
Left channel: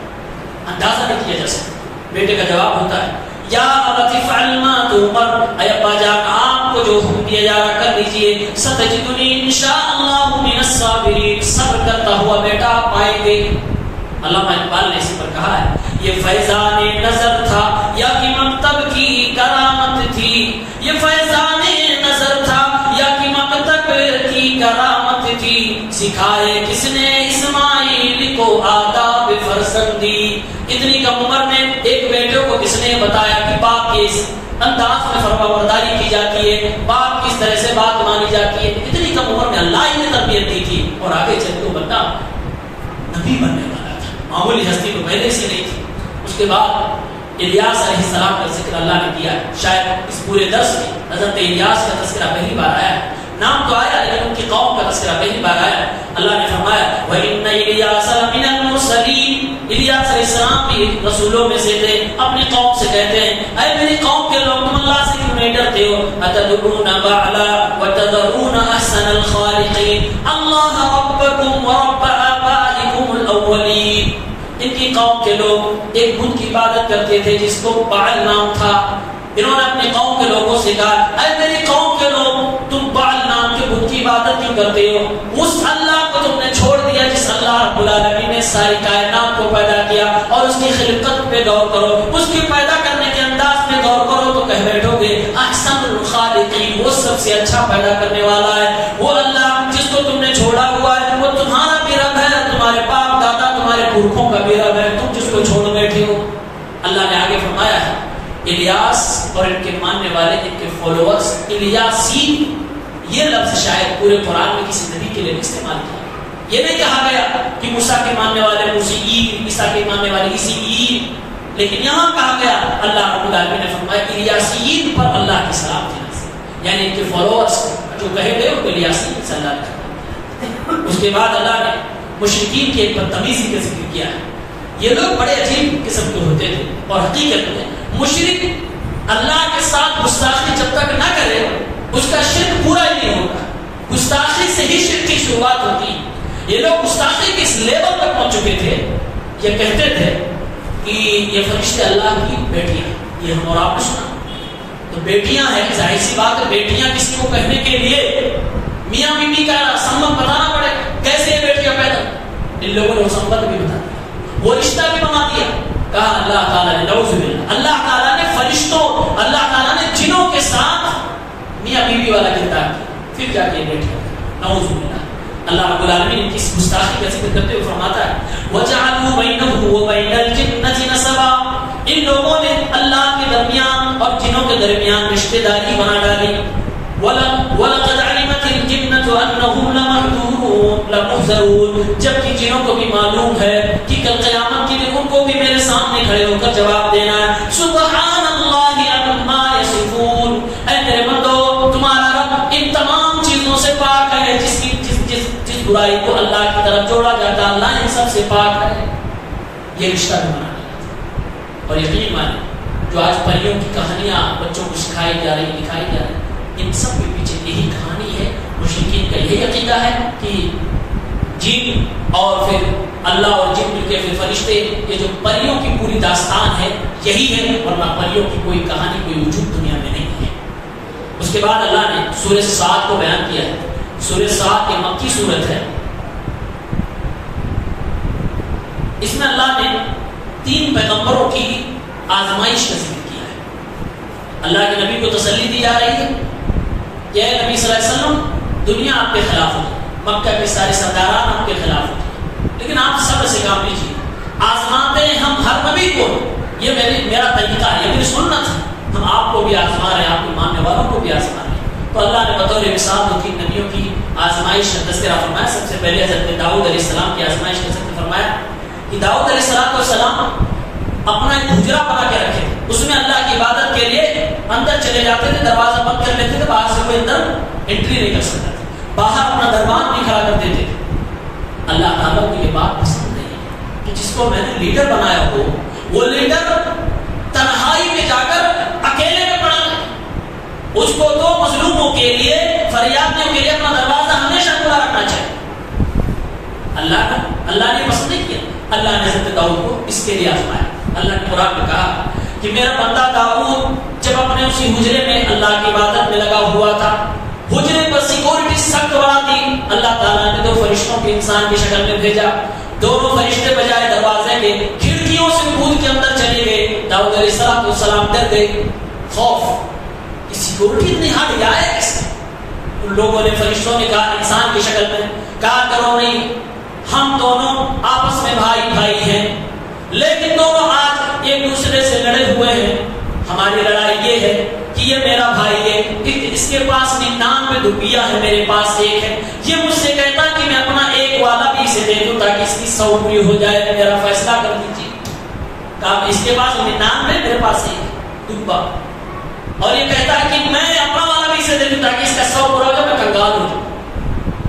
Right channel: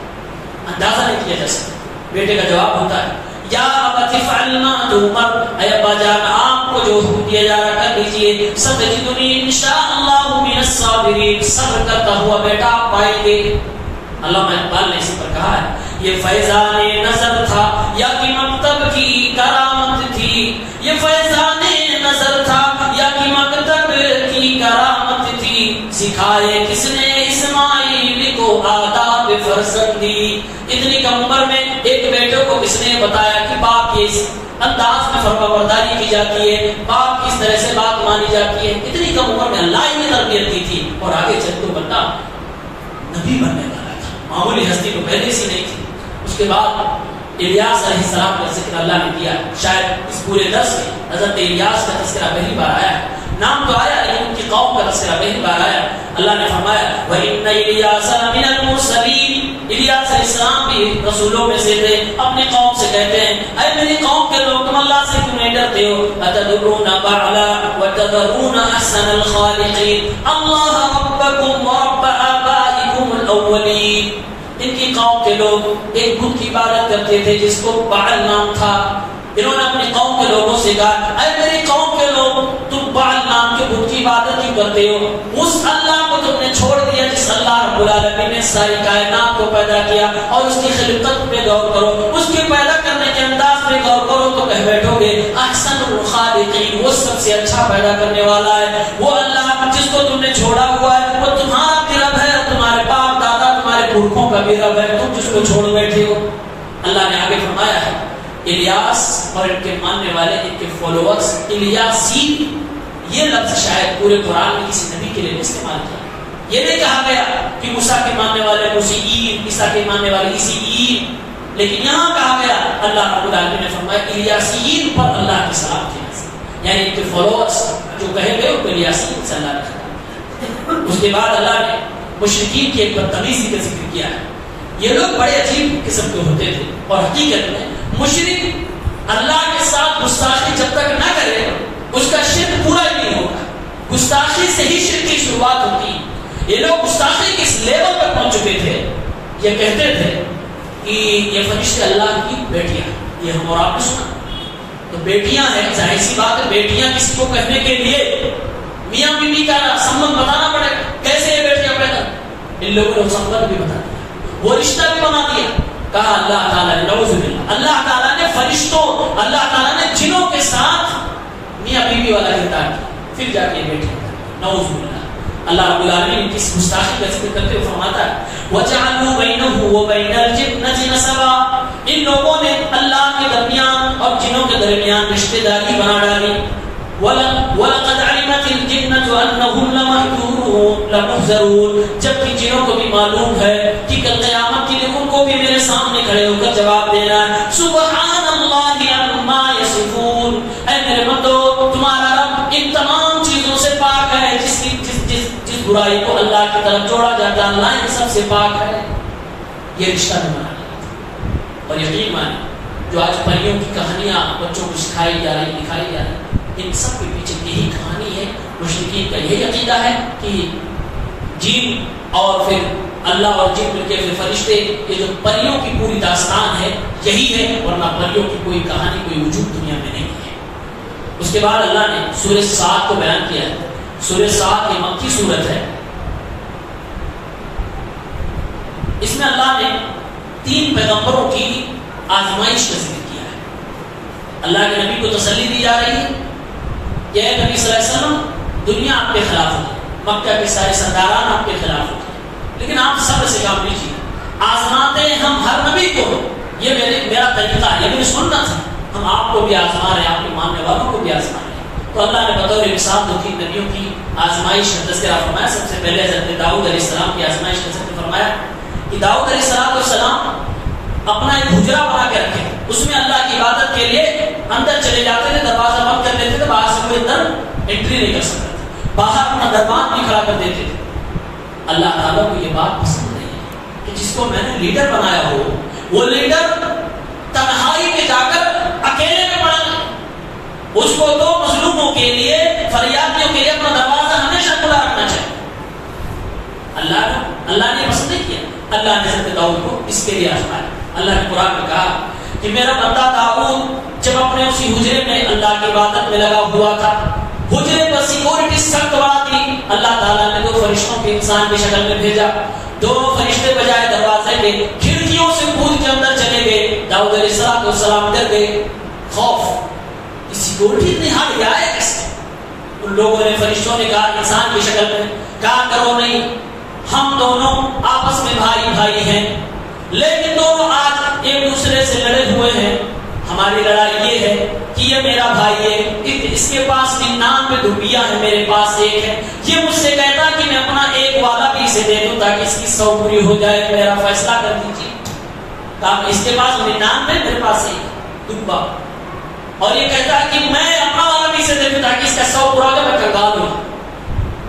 اندازہ نہیں کیا جا سکتا. بیٹے کا جواب ہوتا ہے یا ابت افعل ما تؤمر, اے ابا جان آپ کو جو حکم دیا جا رہا کر لیجیے. ستجدنی انشاءاللہ من الصابرین, صبر کرتا ہوا بیٹا آپ پائیں گے. علامہ اقبال نے اس پر کہا ہے یہ فیضان نظر تھا یا کہ مکتب کی کرامت تھی, یہ فیضان نظر تھا یا کہ مکتب کی کرامت تھی. سکھائے کس نے اسماعیل کو آداب فرزندی. اتنی کم عمر میں ایک بیٹے کو کس نے بتایا کہ باپ کے اس انداز میں فرمانبرداری کی جاتی ہے, باپ کس طرح سے بات مانی جاتی ہے. اتنی کم عمر میں اللہ ہی نے تربیت کی تھی, اور آگے چل تو بندہ نبی بننے والا تھا, معمولی ہستی کو پہلے سے نہیں تھی. اس کے بعد الیاس علیہ السلام کا ذکر اللہ نے کیا. شاید اس پورے درس میں حضرت الیاس کا تذکرہ پہلی بار آیا ہے. نام تو آیا لیکن ان کی قوم کا تذکرہ پہلی بار آیا. اللہ نے فرمایا وَإِنَّ إِلْيَاسَ مِنَ الْمُرْسَلِينَ, الیاس علیہ السلام بھی رسولوں میں سے تھے. اپنی قوم سے کہتے ہیں اے میری قوم کے لوگ تم اللہ سے کیوں نہیں ڈرتے کرتے ہو اتدعون بعلا وتذرون احسن الخالقین اللہ ربکم ورب آبائکم الاولین. ان کی قوم کے لوگ ایک بت کی عبادت کرتے تھے جس کو بعل نام تھا. انہوں نے اپنی قوم کے لوگوں سے کہا اے میری قوم کے لوگ تم بعل نام کے بت کی عبادت کیوں کرتے ہو؟ اس اللہ کو تم نے چھوڑ دیا جس اللہ رب العالمین نے ساری کائنات کو پیدا کیا اور اس کی خلقت پہ غور کرو, اس کی پیدا کرنے کے انداز میں غور کرو تو کہہ بیٹھو گے احسن الخالقین, وہ سب سے اچھا پیدا کرنے والا ہے. وہ اللہ جس کو تم نے چھوڑا ہوا ہے وہ تمہارا بھی رب ہے, تمہارے باپ دادا تمہارے پورکھوں کا بھی رب ہے, تم جس کو چھوڑ بیٹھے ہو. اللہ نے آگے فرمایا ہے الیاس اور ان کے ماننے والے ان کے فالوورز الیاسین, یہ لفظ شاید پورے قرآن میں کسی نبی کے لیے نہیں استعمال کیا. یہ نہیں کہا گیا کہ موسیٰ کے ماننے والے موسیین, عیسیٰ کے ماننے والے عیسیین, لیکن یہاں کہا گیا اللہ رب العالمین نے فرمایا الیاسین پر اللہ کی سلام کی نازل, یعنی ان کے فالوورز جو کہے گئے ان کو الیاسین صلی اللہ علیہ. اس کے بعد اللہ نے مشرکین کی ایک بدتمیزی کا ذکر کیا ہے. یہ لوگ بڑے عجیب قسم کے ہوتے تھے اور حقیقت میں مشرک اللہ کے ساتھ گستاخی جب تک نہ کرے اس کا شرک پورا ہی نہیں ہوگا. گستاخی سے ہی شرک کی شروعات ہوتی. یہ لوگ گستاخی کس لیول پر پہنچ چکے تھے, یہ کہتے تھے کہ یہ فرشتے اللہ کی بیٹیاں, یہ ہم اور آپ نے سنا تو بیٹیاں ہیں, ظاہر سی بات ہے بیٹیاں کسی کو کہنے کے لیے میاں بیوی کا سمبند بتانا پڑے, کیسے یہ بیٹیاں پیدا. ان لوگوں نے وہ سمبند بھی بتا دیا, وہ رشتہ بھی بنا دیا. کہا اللہ تعالیٰ نے نعوذ باللہ, اللہ تعالیٰ نے فرشتوں, اللہ تعالیٰ نے جنوں کے ساتھ میاں بیوی والا کردار کیا, پھر جا کے بیٹھے. نعوذ باللہ. اللہ رب العالمین کی اس گستاخی کا ذکر کرتے ہوئے فرماتا ہے وَجَعَلُوا بَيْنَهُ وَبَيْنَ الْجِنَّةِ نَسَبًا, ان لوگوں نے اللہ کے درمیان اور جنوں کے درمیان رشتہ داری بنا ڈالی. وَلَقَدْ عَلِمَتِ الْجِنَّةُ أَنَّهُمْ لَمُحْضَرُونَ, جبکہ جنوں کو بھی معلوم ہے کہ کل قیامت کے دن ان کو بھی میرے سامنے کھڑے ہو کر جواب دینا ہے. سبحان اللہ عما یصفون, اے میرے بندو تمہارا رب ان تمام چیزوں سے پاک ہے جس برائی کو اللہ کی طرف جوڑا جاتا ہے, اللہ ان سب سے پاک ہے. یہ رشتہ بھی بنا ڈالا. اور یقین مانے جو آج پریوں کی کہانیاں بچوں کو سکھائی جا رہی, دکھائی جا رہی, ان سب کے پیچھے یہی کہانی ہے. مشرکین کا یہی عقیدہ ہے کہ جن اور پھر اللہ اور جن مل کے پھر فرشتے, یہ جو پریوں کی پوری داستان ہے یہی ہے, ورنہ پریوں کی کوئی کہانی کوئی وجود دنیا میں نہیں ہے. اس کے بعد اللہ نے سورہ صاد کو بیان کیا ہے. سورہ صاد ایک مکی سورت ہے. اس میں اللہ نے 3 پیغمبروں کی آزمائش کا ذکر کیا ہے. اللہ کے نبی کو تسلی دی جا رہی ہے کہ اے نبی صلی اللہ علیہ وسلم دنیا آپ کے خلاف ہوتی, مکہ کے سارے سرداران آپ کے خلاف ہوتے, لیکن آپ صبر سے کام لیجیے. آزماتے ہیں ہم ہر نبی کو, یہ میرا طریقہ ہے, یہ میری سنت ہے. ہم آپ کو بھی آزما رہے ہیں, آپ کے ماننے والوں کو بھی آزما رہے ہیں. تو اللہ نے بطور مثال 2-3 نبیوں کی آزمائش کا تذکرہ فرمایا. سب سے پہلے حضرت داؤد علیہ السلام کی آزمائش کا ذکر فرمایا کہ داؤد علیہ السلام اپنا ایک حجرہ بنا کے رکھے, اس میں اللہ کی عبادت کے لیے اندر چلے جاتے تھے, دروازہ بند کر لیتے تھے, باہر سے کوئی اندر انٹری نہیں کر سکتا تھا, باہر اپنا دربان بھی کھڑا کر دیتے تھے. اللہ تعالیٰ کو یہ بات پسند نہیں ہے کہ جس کو میں نے لیڈر بنایا ہو وہ لیڈر تنہائی میں جا کر اکیلے میں پڑا ہے. اس کو 2 مظلوموں کے لیے, فریادیوں کے لیے اپنا دروازہ ہمیشہ کھلا رکھنا چاہیے. اللہ نے پسند نہیں کیا. اللہ نے حضرت داؤد کو اس کے لیے آزمایا. اللہ نے قرآن میں کہا کہ میرا بندہ داؤد جب اپنے اسی حجرے میں اللہ کی عبادت میں لگا ہوا تھا, حجرے پر سیکورٹی سخت بڑا تھی, اللہ تعالیٰ نے 2 فرشتوں کے انسان کی شکل میں بھیجا. دونوں فرشتے بجائے دروازے کے کھڑکیوں سے کود کے اندر چلے گئے. داؤد علیہ السلام ڈر گئے, خوف, سیکورٹی اتنی ہٹ جائے کیسے. ان لوگوں نے, فرشتوں نے کہا انسان کی شکل میں, کہا کرو نہیں, ہم دونوں آپس میں بھائی بھائی ہیں, لیکن دونوں آج ایک دوسرے سے لڑے ہوئے ہیں. ہماری لڑائی یہ ہے کہ یہ میرا بھائی ہے, اس کے پاس 99 دھوبیاں ہیں, میرے پاس 1 ہے. یہ مجھ سے کہتا کہ میں اپنا 1 وعدہ بھی اسے دے دوں تاکہ اس کی 100 پوری ہو جائے, میرا فیصلہ کر دیجیے. کہا اس کے پاس 99 میرے پاس 1 دھوبا, اور یہ کہتا ہے کہ میں اپنا والا بھی اسے دے دوں تاکہ اس کا 100 پورا ہو جائے, میں کنگال ہوں.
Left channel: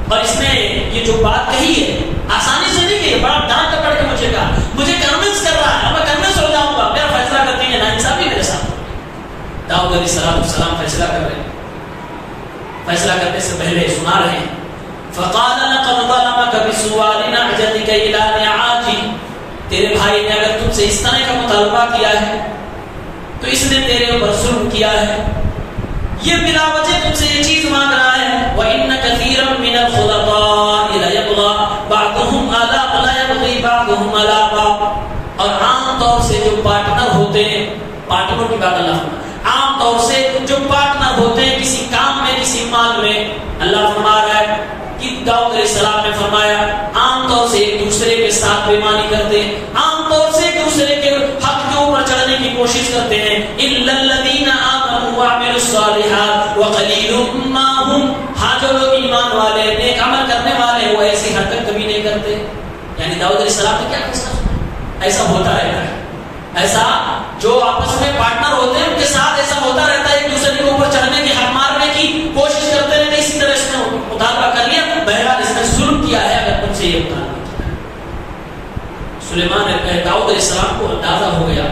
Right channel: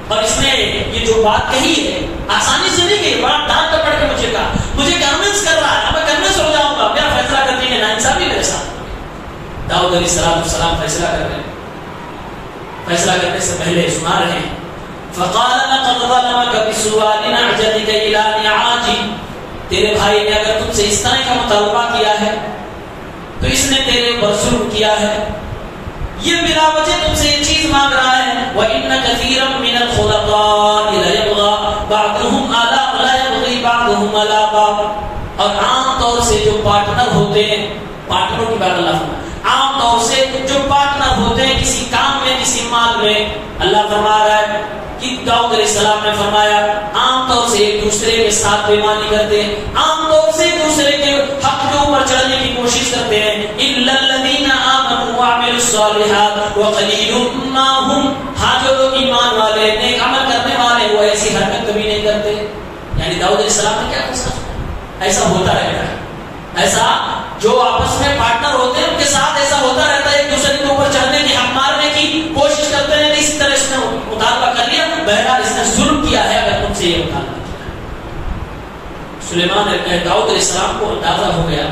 اور اس نے یہ جو بات کہی ہے آسانی سے نہیں کہی, بڑا ڈانٹ پکڑ کے مجھے کہا, مجھے کنونس کر رہا ہے, میں کنونس ہو جاؤں گا, میرا فیصلہ کرتے ہیں نا انصافی میرے ساتھ. داؤد داؤد علیہ السلام فیصلہ کر رہے ہیں. فیصلہ کرنے سے پہلے سنا رہے ہیں فقال لقد ظلمك بسؤال نعجتك الى نعاجي. تیرے بھائی نے اگر تم سے اس طرح کا مطالبہ کیا ہے تو اس نے تیرے اوپر ظلم کیا ہے. یہ بلا وجہ تم سے یہ چیز مانگ رہا ہے. وَإِنَّ كَثِيرًا مِنَ الْخُلَطَاءِ لَيَبْغَى بَعْضُهُمْ عَلَى بَعْضٍ. اور عام طور سے جو پارٹنر ہوتے ہیں, پارٹنروں کی بات اللہ فرماتا ہے, عام طور سے جو پارٹنر ہوتے ہیں کسی کام میں کسی مال میں, اللہ فرما رہا ہے کہ داؤد علیہ السلام نے فرمایا عام طور سے ایک دوسرے کے ساتھ بےمانی کرتے ہیں, عام طور سے ایک دوسرے کے حق کے اوپر چڑھنے کی کوشش کرتے ہیں. الا الذين امنوا وعملوا الصالحات وقليل ما هم. ہاں جو لوگ ایمان والے نیک عمل کرنے والے وہ ایسی حرکت کبھی نہیں کرتے. یعنی داؤد علیہ السلام نے کیا فیصلہ کیا؟ ایسا ہوتا رہتا ہے, ایسا جو آپس میں پارٹنر ہوتے ہیں ان کے ساتھ ایسا ہوتا رہتا ہے, ایک دوسرے کے اوپر چڑھنے کی, حق مارنے کی کوشش کرتے ہیں. اسی طرح اس نے مطالبہ کر لیا, بہرحال اس نے ظلم کیا ہے اگر تم سے یہ مطالبہ کیا. سلیمان داؤد علیہ السلام کو اندازہ ہو گیا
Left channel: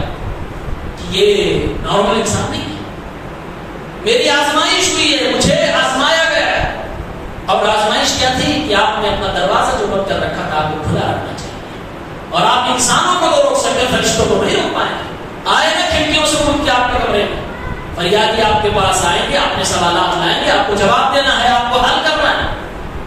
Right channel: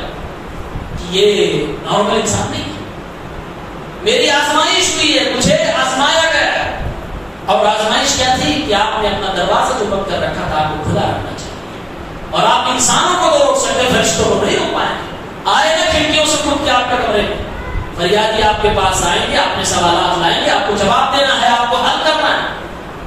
کہ یہ نارمل انسان نہیں ہے, میری آزمائش ہوئی ہے, مجھے آزمایا گیا ہے. اور آزمائش کیا تھی کہ آپ نے اپنا دروازہ جو بند کر رکھا تھا آپ کو کھلا رکھنا چاہیے. اور آپ انسانوں کو تو روک سکتے, فرشتوں کو نہیں روک پائے. آئے نا کھڑکیوں سے کھل کے آپ کے کمرے میں, فریادی آپ کے پاس آئیں گے, اپنے سوالات لائیں گے, آپ کو جواب دینا ہے, آپ کو حل کرنا ہے.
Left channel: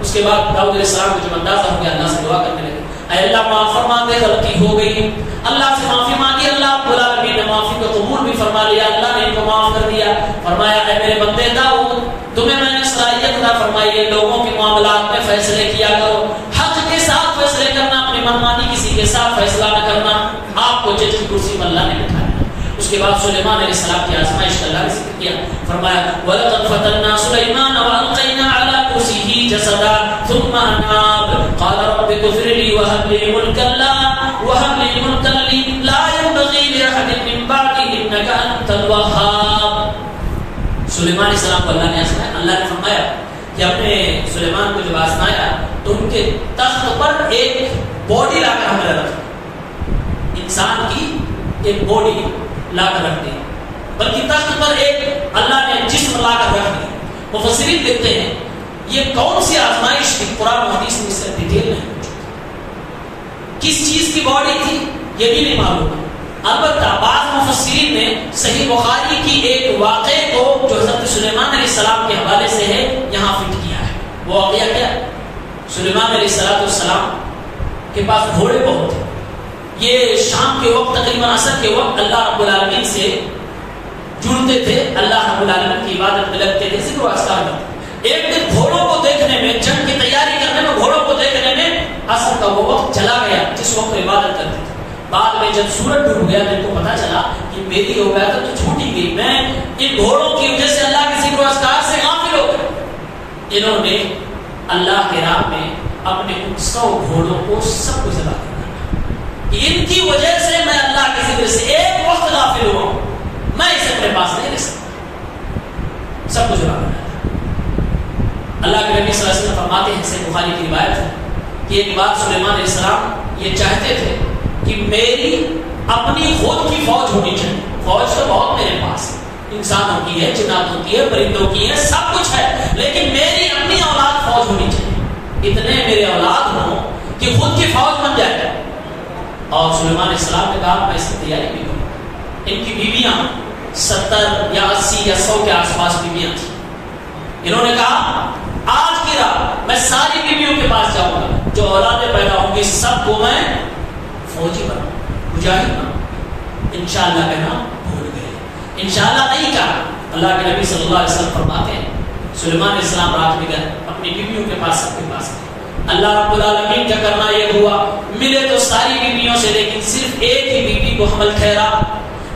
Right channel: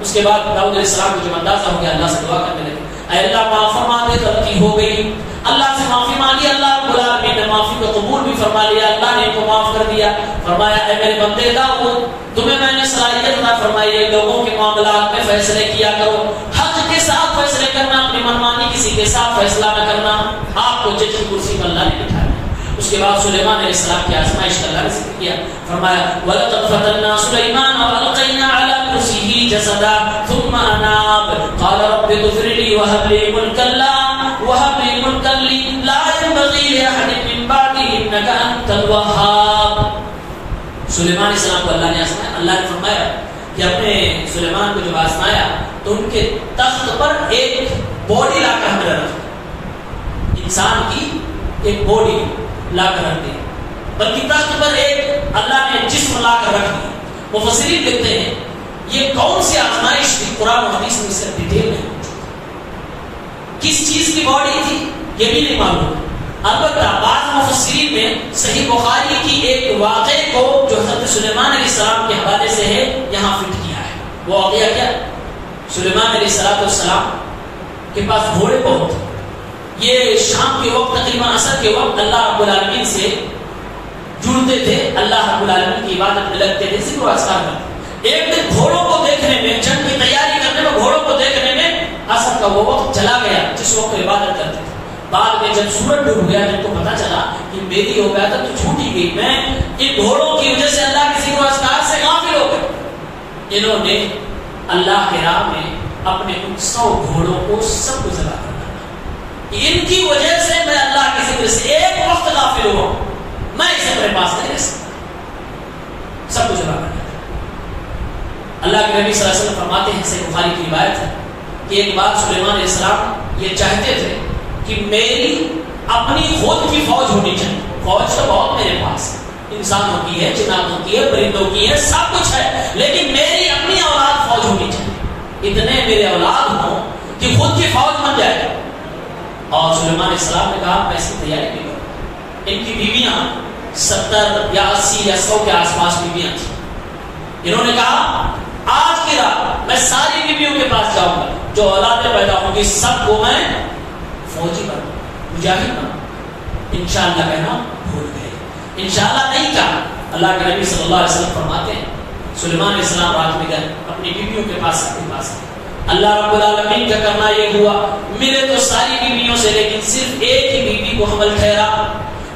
اس کے بعد داؤد علیہ السلام کو جب اندازہ ہو گیا اللہ سے دعا کرنے لگے, اے اللہ معاف فرما دے, غلطی ہو گئی. اللہ سے معافی مانگی, اللہ رب العالمین نے معافی کو قبول بھی فرما لیا, اللہ نے ان کو معاف کر دیا. فرمایا اے میرے بندے داؤد, تمہیں میں نے صلاحیت عطا فرمائی ہے لوگوں کے معاملات میں فیصلے کیا کرو, حق کے ساتھ فیصلے کرنا, اپنی منمانی کسی کے ساتھ فیصلہ نہ کرنا. آپ کو جج کی کرسی پر اللہ نے بٹھایا. اس کے بعد سلیمان علیہ السلام کی آزمائش کا اللہ نے ذکر کیا. فرمایا وَلَقَدْ فَتَنَّا سُلَيْمَانَ وَأَلْقَيْنَا عَلَى كُرْسِيِّهِ جَسَدًا ثُمَّ أَنَابَ قَالَ رَبِّ اغْفِرْ لِي وَهَبْ لِي مُلْكًا لَا يَنبَغِي لِأَحَدٍ مِّن بَعْدِي إِنَّكَ أَنتَ الْوَهَّابُ. سلیمان علیہ السلام کو اللہ نے آزمایا. اللہ نے فرمایا کہ اپنے سلیمان کو جب آزمایا تو ان کے تخت پر ایک باڈی لا کر ہمیں رکھا, انسان کی ایک باڈی لا کر رکھ دی, بلکہ تخت پر ایک اللہ نے جسم لا کر رکھ دی. مفسرین لکھتے ہیں یہ کون سی آزمائش تھی, قرآن و حدیث میں اس سے ڈیٹیل ہے, کس چیز کی باڈی تھی یہ بھی نہیں معلوم ہے. البتہ بعض مفسرین نے صحیح بخاری کی ایک واقعے کو جو حضرت سلیمان علیہ السلام کے حوالے سے ہے یہاں فٹ کیا ہے. وہ واقعہ کیا؟ سلیمان علیہ السلام کے پاس گھوڑے بہت تھے. یہ شام کے وقت تقریباً عصر کے وقت اللہ رب العالمین سے جڑتے تھے, اللہ رب العالمین کی عبادت میں لگتے تھے, ذکر و اذکار کرتے. ایک دن گھوڑوں کو دیکھنے میں, جنگ کی تیاری کرنے میں, گھوڑوں کو دیکھنے میں عصر کا وہ وقت چلا گیا جس وقت عبادت کرتے تھے. بعد میں جب سورج ڈوب گیا تو ان کو پتا چلا کہ میری عبادت تو چھوٹ ہی گئی, میں ان گھوڑوں کی وجہ سے اللہ کے ذکر و اذکار سے غافل ہو گئے. انہوں نے اللہ کے راہ میں اپنے ان 100 گھوڑوں کو سب کو ذبح کر ڈالا. ان کی وجہ سے میں اللہ کے ذکر سے ایک وقت غافل ہوا, میں اسے اپنے پاس نہیں رہ سکتا, سب کو ذبح کر ڈالا. اللہ کے نبی صلی اللہ علیہ وسلم فرماتے ہیں, صحیح بخاری کی روایت ہے کہ ایک بار سلیمان علیہ السلام یہ چاہتے تھے کہ میری اپنی خود کی فوج ہونی چاہیے. فوج تو بہت میرے پاس, انسانوں کی ہے, جناتوں کی ہے, پرندوں کی ہے, سب کچھ ہے, لیکن میری اپنی اولاد فوج ہونی چاہیے. اتنے میرے اولاد ہوں کہ خود کی فوج بن جائے. اور سلیمان علیہ السلام نے کہا میں اس کی تیاری بھی کروں. ان کی بیویاں 70 یا 80 یا 100 کے آس پاس بیویاں تھیں. انہوں نے کہا آج کی رات میں ساری بیویوں کے پاس جاؤں گا, جو اولادیں پیدا ہوں گی سب کو میں فوجی بنا, مجاہد بنا. انشاءاللہ کہنا بھول گئے, انشاءاللہ نہیں کہا. اللہ کے نبی صلی اللہ علیہ وسلم فرماتے ہیں سلیمان علیہ السلام رات میں گئے اپنی بیویوں کے پاس, سب کے پاس. اللہ رب العالمین کا کرنا یہ ہوا, ملے تو ساری بیویوں سے, لیکن صرف ایک ہی بیوی کو حمل ٹھہرا,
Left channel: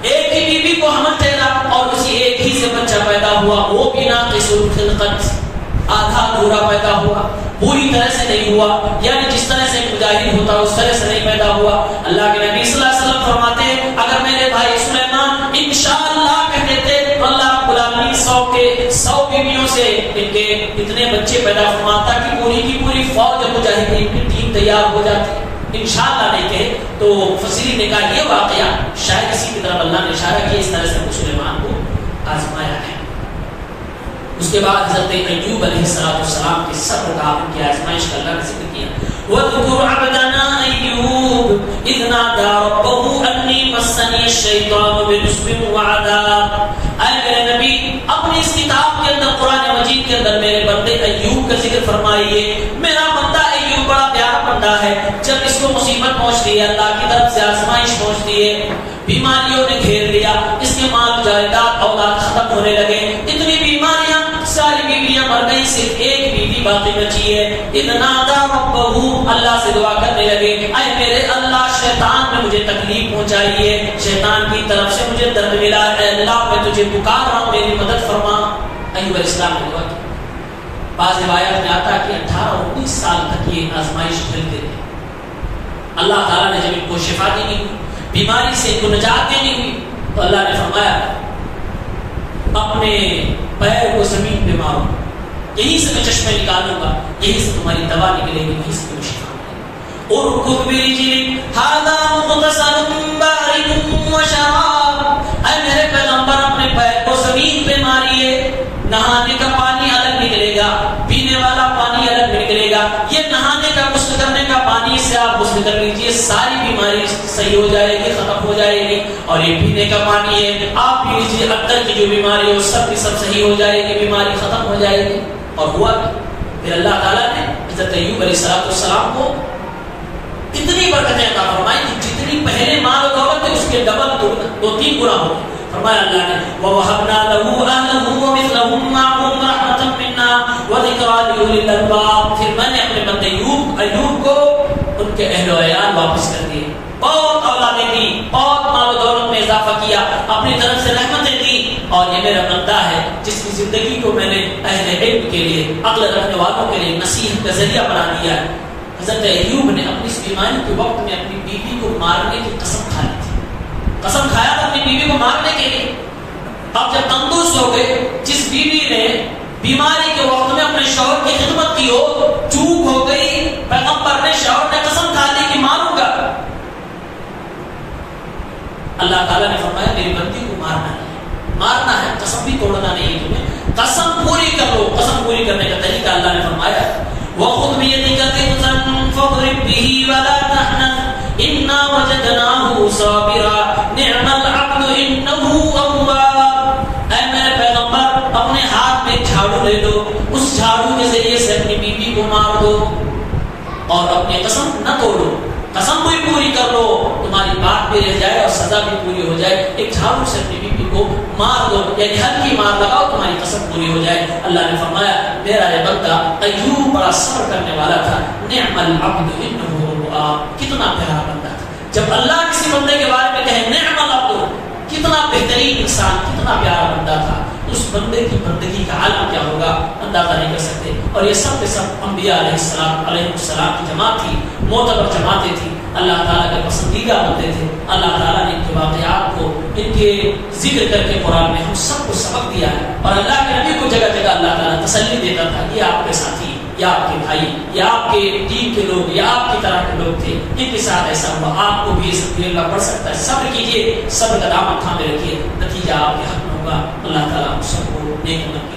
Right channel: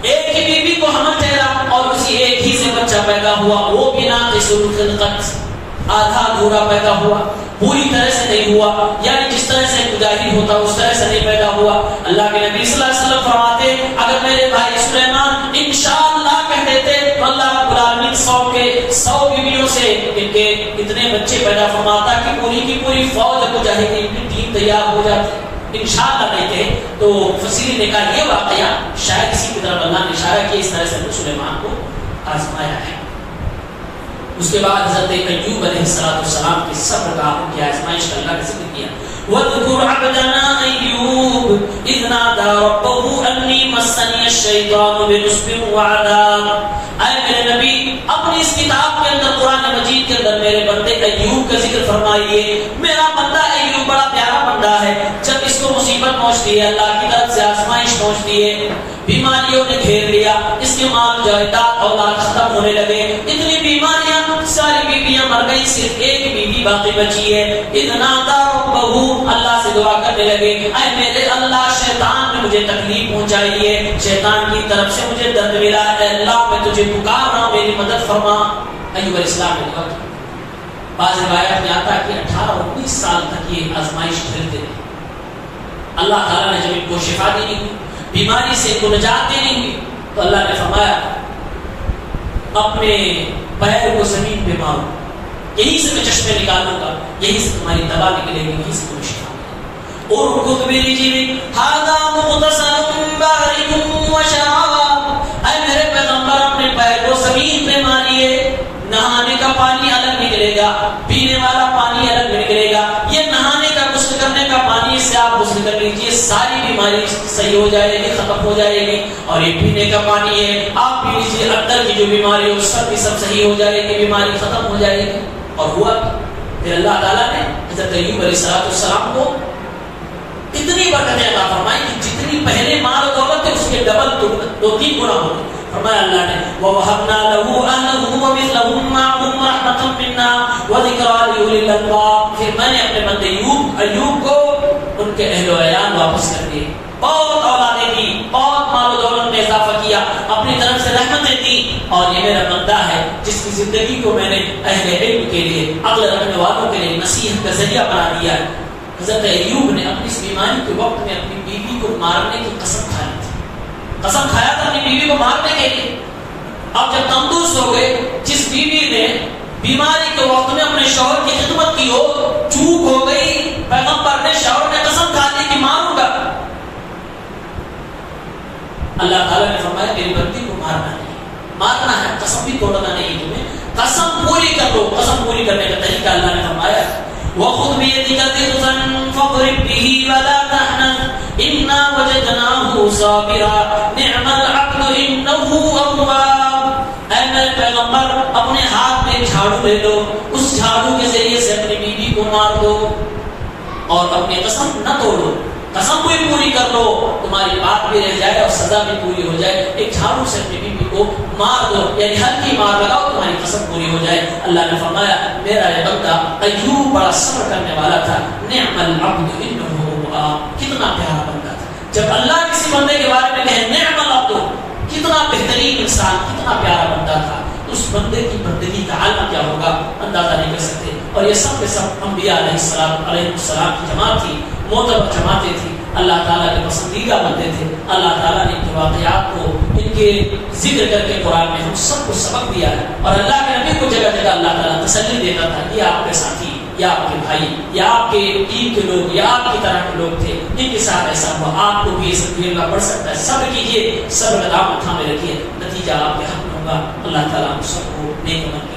ایک ہی بیوی کو حمل ٹھہرا, اور اسی ایک ہی سے بچہ پیدا ہوا. وہ بھی ناقص الخلقت, آدھا ادھورا پیدا ہوا, پوری طرح سے نہیں ہوا, یعنی جس طرح سے مجاہد ہوتا اس طرح سے نہیں پیدا ہوا. اللہ کے نبی صلی اللہ علیہ وسلم فرماتے اگر میرے بھائی سلیمان انشاءاللہ کہہ دیتے تو اللہ رب العالمین 100 بیویوں سے ان کے اتنے بچے پیدا فرماتا کہ پوری کی پوری فوج مجاہدین کی ٹیم تیار ہو جاتی. انشاءاللہ نہیں کہے تو فصیل نے کہا یہ واقعہ شاید اسی کی طرف اللہ نے اشارہ کیا, اس طرح سے سلیمان کو آزمایا ہے. اس کے بعد حضرت ایوب علیہ السلام کے صبر کا ان کی آزمائش کا اللہ نے ذکر کیا. وَاذْكُرْ عَبْدَنَا أَيُّوبَ إِذْ نَادَىٰ رَبَّهُ أَنِّي مَسَّنِيَ الشَّيْطَانُ بِنُصْبٍ وَعَذَابٍ. اے میرے نبی اپنی اس کتاب کے اندر قرآن مجید کے اندر میرے بندے ایوب کا ذکر فرمائیے. میرا بندہ ایوب بڑا پیارا بندہ ہے. جب اس کو مصیبت پہنچتی ہے, اللہ کی طرف سے آزمائش پہنچتی ہے, بیماریوں نے گھیر لیا, اس کے مال جائیداد اولاد ختم ہونے لگے, اتنی بیماریاں, ساری بیویاں مر گئی, صرف ایک بیوی باقی بچی ہے. اتنا ربہو, اللہ سے دعا کرنے لگے, اے میرے اللہ شیطان نے مجھے تکلیف پہنچائی ہے, شیطان کی طرف سے مجھے درد ملا ہے, اللہ میں تجھے پکار رہا ہوں, میری مدد فرما. ایوب علیہ السلام نے دعا کی. بعض روایات میں آتا ہے کہ 18-19 سال تک یہ آزمائش جھیلتے رہے. اللہ تعالیٰ نے جب ان کو شفا دی, بیماری سے ان کو نجات دینی ہوئی, تو اللہ نے فرمایا اپنے پیر کو زمین پہ مارو, یہیں سے میں چشمے نکالوں گا, یہیں سے تمہاری دوا نکلے گی, یہیں سے تمہیں شفا ملے گی. اور خود میری جی ہاذا مغتسل بارد وشراب, اے میرے پیغمبر اپنے پیر کو زمین پہ ماریے, نہانے کا پانی الگ نکلے گا, پینے والا پانی الگ نکلے گا, یہ نہانے کا غسل کرنے کا پانی سے آپ غسل کر لیجیے, ساری بیماری صحیح ہو جائے گی, ختم ہو جائے گی. اور یہ پینے کا پانی ہے, آپ پی لیجیے, اندر کی جو بیماری ہو سب صحیح ہو جائے گی, بیماری ختم ہو جائے گی. اور ہوا پھر اللہ تعالیٰ نے حضرت ایوب علیہ السلام کو اتنی برکتیں عطا فرمائی کہ جتنی پہلے مال و دولت تھے اس کے ڈبل 2-3 گنا ہو. فرمایا اللہ نے وَوَهَبْنَا لَهُ أَهْلَهُ وَمِثْلَهُمْ مَعَهُمْ رَحْمَةً مِنَّا وَذِكْرَىٰ لِأُولِي الْأَلْبَابِ. پھر میں نے اپنے بندے ایوب کو ان کے اہل و عیال واپس کر دیے, بہت اولادیں دی, بہت مال و دولت میں اضافہ کیا, اپنی طرف سے رحمتیں دی. اور یہ میرا بندہ ہے جس کی زندگی کو میں نے اہل علم کے لیے, عقل رکھنے والوں کے لیے نصیحت کا ذریعہ بنا دیا ہے. حضرت ایوب نے اپنی اس بیماری کے وقت میں اپنی بیوی کو مارنے کی قسم کھائی تھی, قسم کھایا تھا اپنی بیوی کو مارنے کے لیے. اب جب تندرست ہو گئے, جس بیوی نے بیماری کے وقت میں اپنے شوہر کی خدمت کی ہو, چوک ہو گئی, پیغمبر نے شوہر نے قسم کھا دی کہ ماروں گا. اللہ تعالیٰ نے فرمایا میری بندی کو مارنا ہے, مارنا ہے, قسم بھی توڑنا نہیں ہے تمہیں, قسم پوری کر لو. قسم پوری کرنے کا طریقہ اللہ نے فرمایا وَخُذْ بِيَدِكَ ضِغْثًا فَاضْرِب بِّهِ وَلَا تَحْنَثْ إِنَّا وَجَدْنَاهُ صَابِرًا نِعْمَ الْعَبْدُ إِنَّهُ أَوَّابٌ. اے میرے پیغمبر اپنے ہاتھ میں ایک جھاڑو لے لو, اس جھاڑو کے ذریعے سے اپنی بیوی کو مار دو, اور اپنی قسم نہ توڑو, قسم بھی پوری کر لو, تمہاری بات بھی رہ جائے اور سزا بھی پوری ہو جائے. ایک جھاڑو سے اپنی بیوی کو مار دو, یعنی ہلکی مار لگاؤ, تمہاری قسم پوری ہو جائے. اللہ نے فرمایا میرا یہ بندہ ایوب بڑا صبر کرنے والا تھا. نعم العبد انه اواب, کتنا پیارا بندہ تھا. جب اللہ کسی بندے کے بارے میں کہے نعم العبد, کتنا بہترین انسان, کتنا پیارا بندہ تھا, اس بندے کی بندگی کا حال کیا ہوگا اندازہ نہیں کر سکتے. اور یہ سب کے سب انبیاء علیہ السلام کی جماعت تھی, معتبر جماعتیں تھی, اللہ تعالیٰ کے پسندیدہ بندے تھے. اللہ تعالیٰ نے ان کے واقعات کو, ان کے ذکر کر کے قرآن میں ہم سب کو سبق دیا ہے. اور اللہ کے نبی کو جگہ جگہ اللہ تعالیٰ تسلی دیتا تھا, یہ آپ کے ساتھی, یا آپ کے بھائی, یا آپ کے ٹیم کے لوگ, یا آپ کی طرح کے لوگ تھے, ان کے ساتھ ایسا ہوا, آپ کو بھی اس اللہ پڑھ سکتا ہے. صبر کیجیے, صبر کا دامن تھامے رکھیے, نتیجہ آپ کے حق میں ہوگا. اللہ تعالیٰ ہم سب کو نیک عمل